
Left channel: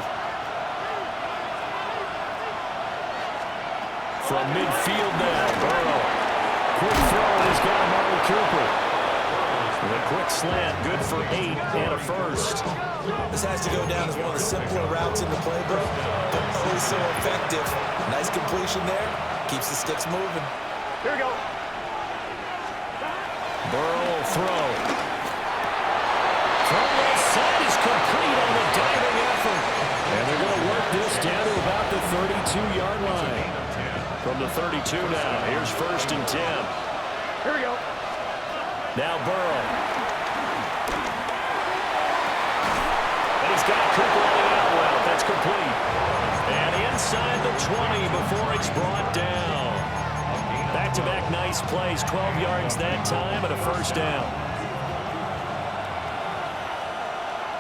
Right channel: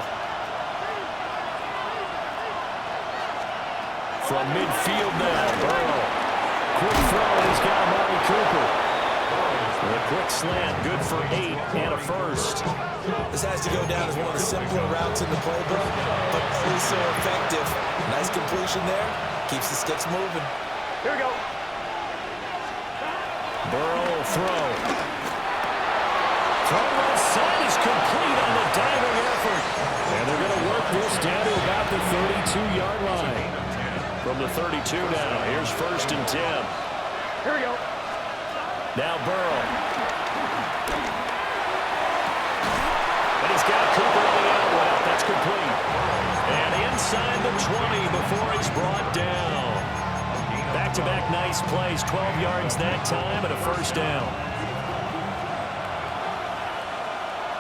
From midfield now, Burrow. Quick throw, has got Amari Cooper. The quick slant, good for 8 and a 1st. This has to go down as one of the simpler routes in the playbook, but oh so effective. Nice completion there, keeps the sticks moving. Here we go. Burrow will throw. From left side is complete on the diving effort. And they're going to work this down to about the 32-yard line. From the 32 now, here's 1st and 10. Here we go. Now Burrow. And he's got Cooper running out well. That's complete. And inside the 20 before he's brought down. Back-to-back nice plays, 12 yards that time and a first down.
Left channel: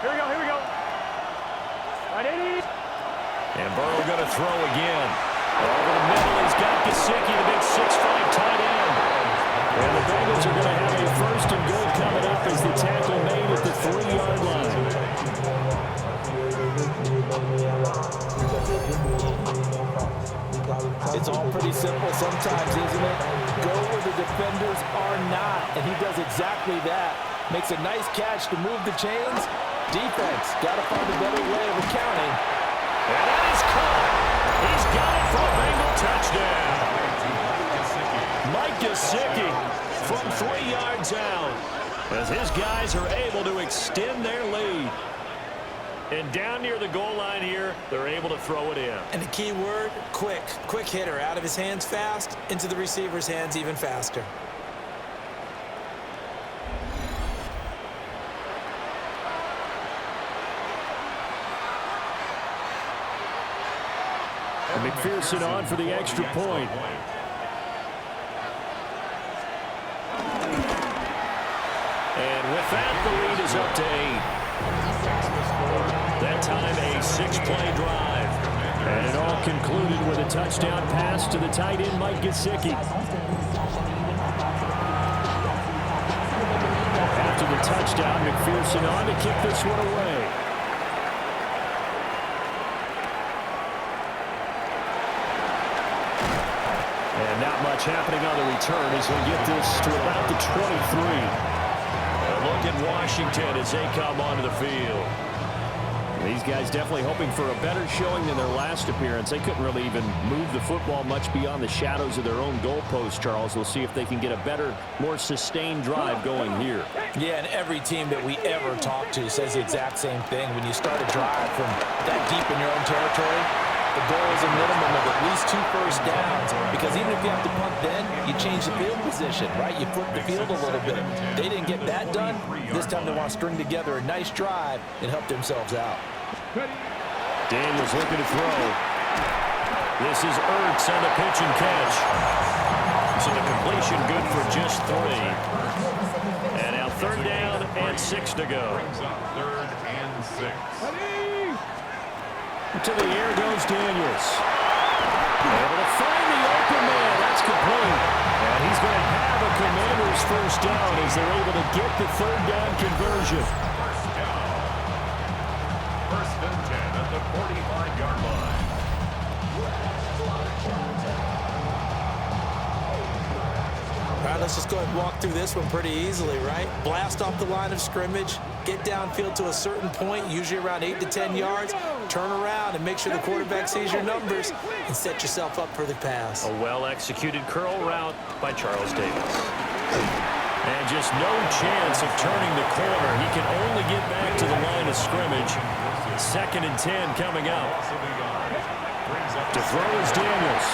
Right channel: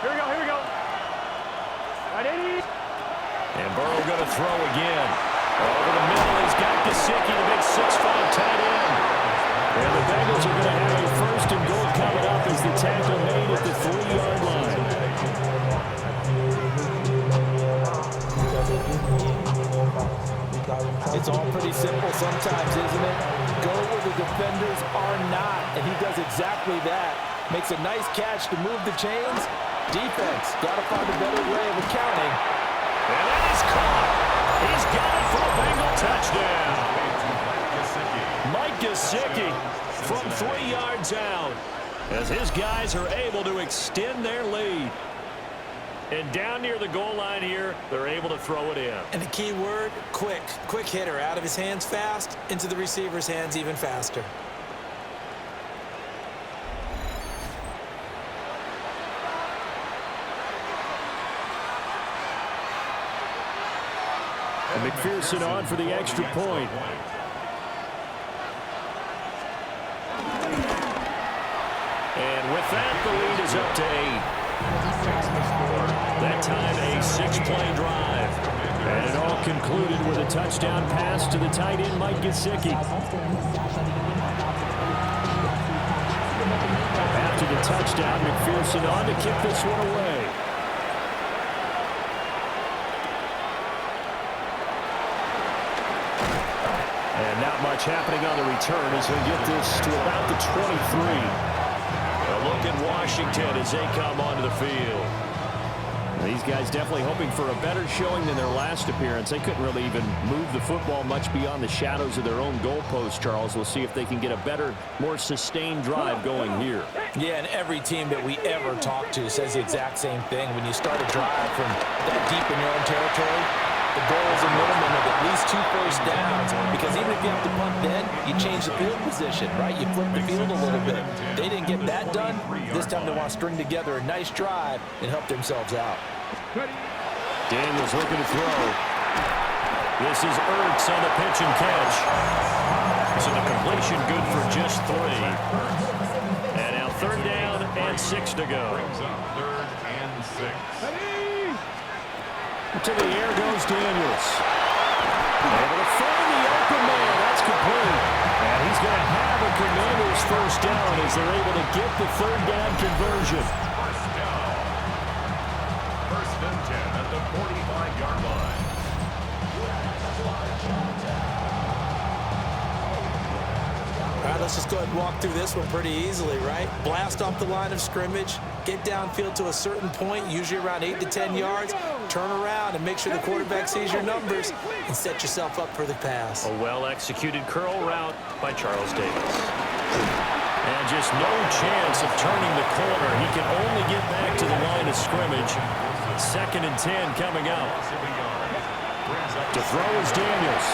Here we go, here we go. Right, 80. And Burrow going to throw again. Over the middle, he's got Gesicki, the big 6'5" tight end. And the Bengals are going to have a first and goal coming up as the tackle made at the 3-yard line. It's all pretty simple sometimes, isn't it? Go where the defenders are not, and he does exactly that. Makes a nice catch to move the chains. Defense, got to find a better way of accounting. And that is caught. He's got it for a Bengal touchdown. Mike Gesicki from 3 yards out as his guys are able to extend their lead. And down near the goal line here, they're able to throw it in. And the key word, quick. Quick hitter. Out of his hands fast, into the receiver's hands even faster. And McPherson on for the extra point. And with that, the lead is up to 8. That time a 6-play drive. And it all concluded with a touchdown pass to the tight end, Mike Gesicki. After the touchdown, McPherson on to kick this one away. And not much happening on the return as he'll get this to about the 23. A look at Washington as they come onto the field. These guys definitely hoping for a better showing than their last appearance. They couldn't really even move the football much beyond the shadows of their own goalpost, Charles. We'll see if they can get a better, more sustained drive going here. Yeah, and every team that we ever talk to says the exact same thing. When you start a drive from that deep in your own territory, the goal is a minimum of at least 2 first downs, because even if you have to punt then, you change the field position, right? You flip the field a little bit. They didn't get that done. This time they want to string together a nice drive and help themselves out. Daniels looking to throw. This is Ertz on the pitch and catch. So the completion good for just 3. And now 3rd down and 6 to go. Brings up 3rd and 6. To the air goes Daniels. Able to find the open man. That's complete. And he's going to have a Commanders first down as they're able to get the 3rd down conversion. First down. 1st and 10 at the 45-yard line. All right, let's just go ahead and walk through this one pretty easily, right? Blast off the line of scrimmage, get downfield to a certain point, usually around 8 to 10 yards, turn around and make sure the quarterback sees your numbers and set yourself up for the pass. A well-executed curl route by Charles Davis. And just no chance of turning the corner. He can only get back to the line of scrimmage. 2nd and 10 coming up. To throw is Daniels.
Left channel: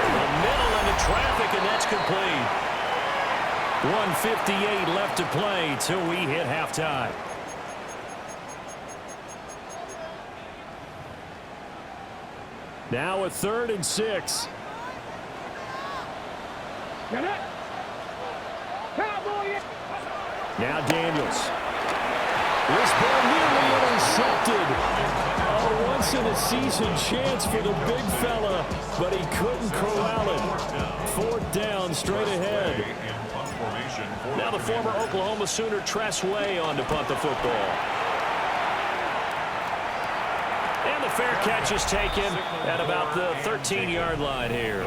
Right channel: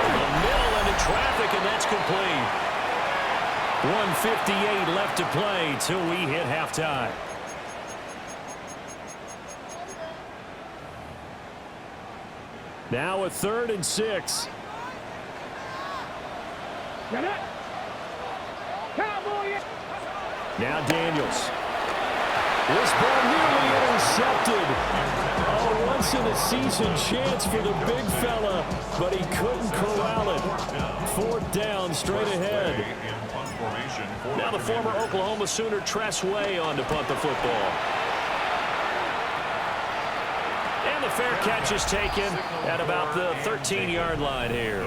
Over the middle into traffic, and that's complete. 1:58 left to play till we hit halftime. Now a 3rd and 6. Get it. Cowboy. Now Daniels. This ball nearly intercepted. A once-in-a-season chance for the big fella, but he couldn't corral it. 4th down straight ahead. Now the former Oklahoma Sooner Tress Way on to punt the football. And the fair catch is taken at about the 13-yard line here.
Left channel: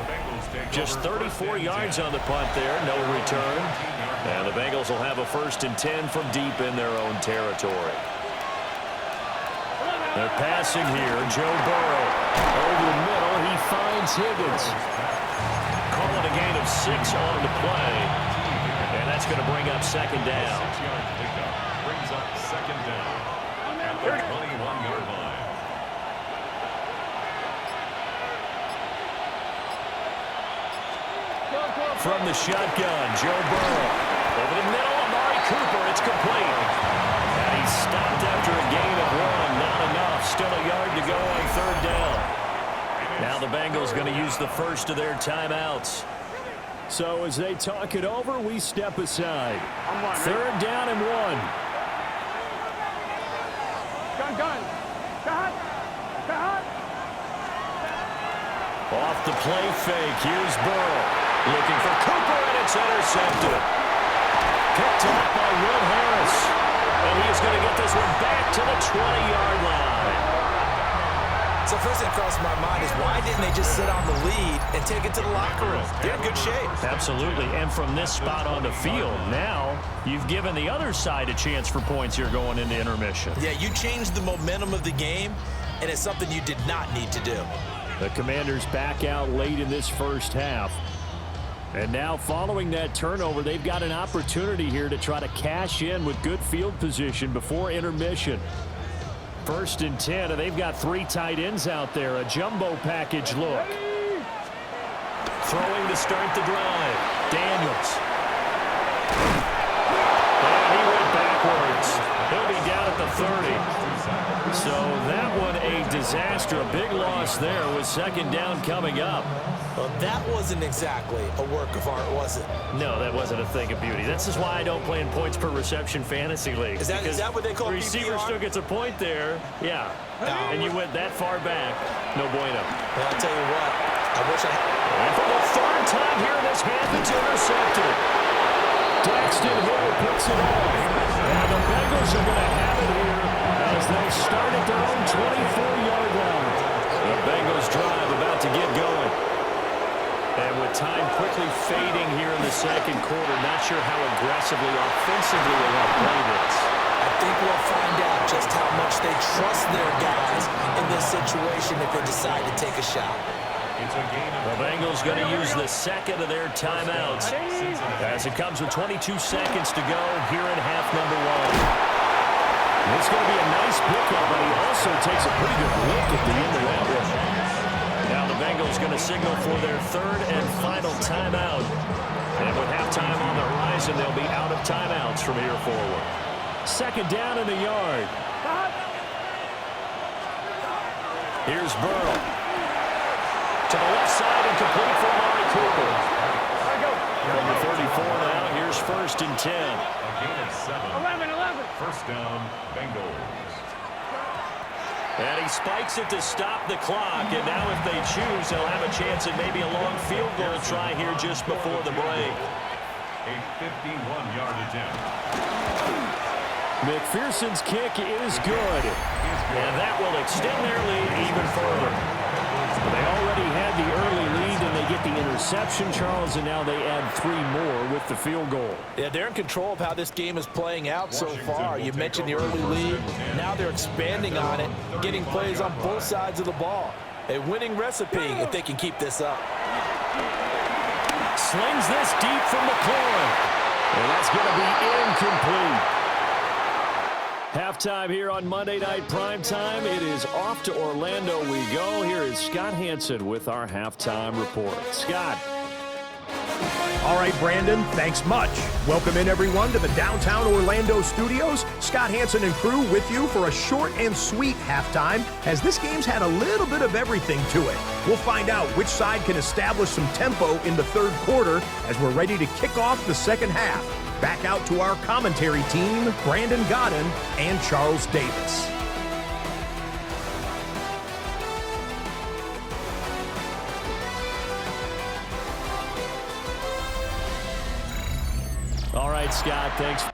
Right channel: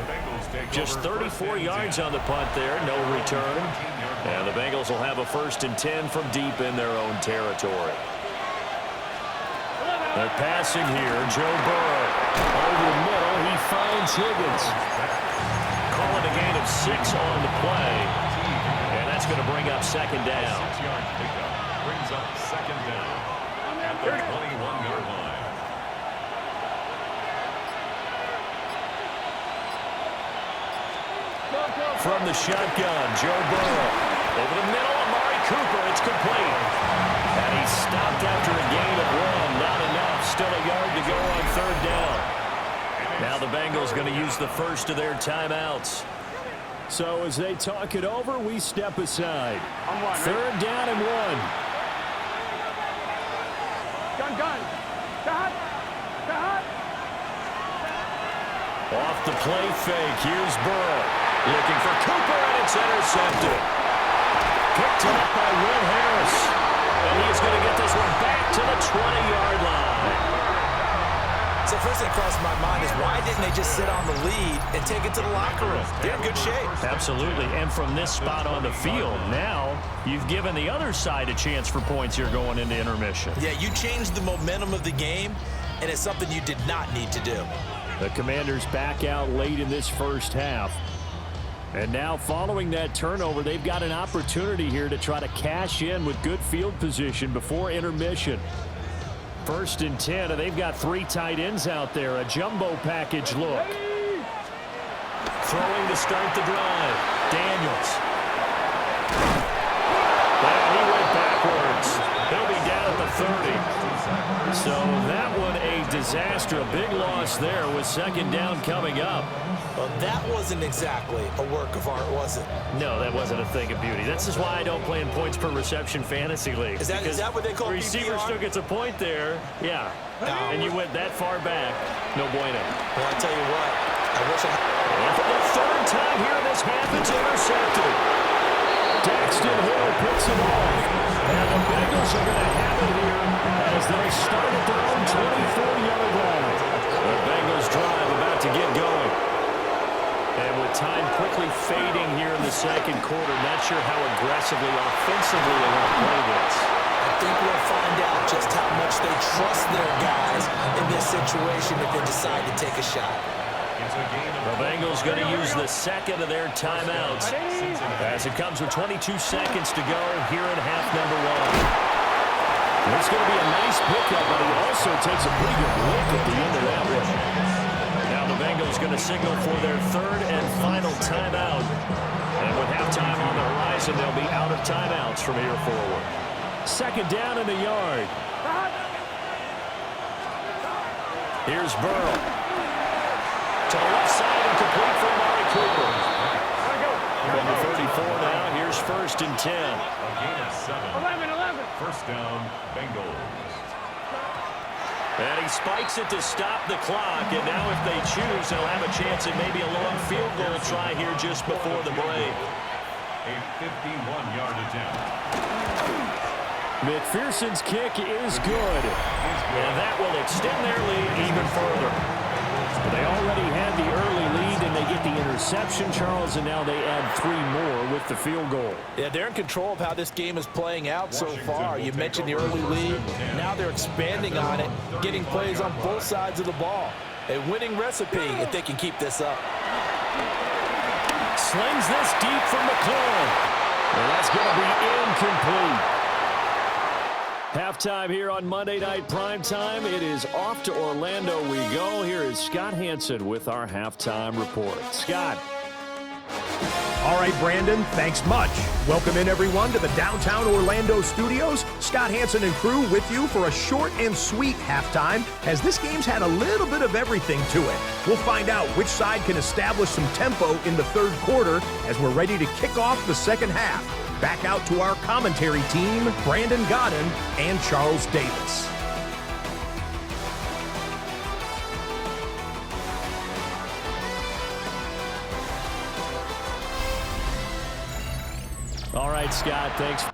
Just 34 yards on the punt there, no return. And the Bengals will have a 1st and 10 from deep in their own territory. They're passing here. Joe Burrow over the middle. He finds Higgins. Call it a gain of 6 on the play. And that's going to bring up 2nd down. 6-yard pickup brings up 2nd down at the 21-yard line. From the shotgun, Joe Burrow. Over the middle, Amari Cooper. It's complete. And he stopped after a gain of 1. Not enough. Still a yard to go on 3rd down. Now the Bengals going to use the first of their timeouts. So as they talk it over, we step aside. 3rd down and 1. Gun. Cut. Off the play fake. Here's Burrow. Looking for Cooper, and it's intercepted. Picked off by Will Harris. And he's going to get this one back to the 20-yard line. So first thing that crossed my mind is why didn't they just sit on the lead and take it to the locker room? They're in good shape. Absolutely. And from this spot on the field, now you've given the other side a chance for points here going into intermission. Yeah, you changed the momentum of the game, and it's something you did not need to do. The Commanders back out late in this first half. And now following that turnover, they've got an opportunity here to try to cash in with good field position before intermission. 1st and 10, and they've got 3 tight ends out there. A jumbo package look. Throwing to start the drive. Daniels. And he went backwards. He'll be down at the 30. So that one a disaster. A big loss there with 2nd down coming up. Well, that wasn't exactly a work of art, was it? No, that wasn't a thing of beauty. This is why I don't play in points per reception fantasy league. Is that what they call PPR? The receiver still gets a point there. Yeah. And you went that far back. No bueno. Well, I'll tell you what. I wish I had. And for the 3rd time here in this half, it's intercepted. Daxton Hill puts it off. And the Bengals are going to have it here as they start at their own 24-yard line. The Bengals drive about to get going. And with time quickly fading here in the 2nd quarter, not sure how aggressively, offensively they want to play this. I think we'll find out just how much they trust their guys in this situation if they decide to take a shot. The Bengals going to use the 2nd of their timeouts as it comes with 22 seconds to go here in half number 1. It's going to be a nice pickup, but he also takes a pretty good look at the end of that one. Now the Bengals going to signal for their 3rd and final timeout. And with halftime on the horizon, they'll be out of timeouts from here forward. 2nd down and a yard. Here's Burrow. To the left side and complete for Amari Cooper. From the 34 now, here's 1st and 10. A gain of 7. 11. 1st down, Bengals. And he spikes it to stop the clock, and now if they choose, they'll have a chance at maybe a long field goal try here just before the break. A 51-yard attempt. McPherson's kick is good, and that will extend their lead even further. They already had the early lead, and they get the interception, Charles, and now they add 3 more with the field goal. Yeah, they're in control of how this game is playing out so far. You mentioned the early lead. Now they're expanding on it, getting plays on both sides of the ball. A winning recipe if they can keep this up. Slings this deep from McLaurin, and that's going to be incomplete. Halftime here on Monday Night Primetime. It is off to Orlando we go. Here is Scott Hansen with our halftime report. Scott. All right, Brandon, thanks much. Welcome in, everyone, to the downtown Orlando studios. Scott Hansen and crew with you for a short and sweet halftime, as this game's had a little bit of everything to it. We'll find out which side can establish some tempo in the 3rd quarter as we're ready to kick off the 2nd half. Back out to our commentary team, Brandon Godden and Charles Davis. All right, Scott, thanks.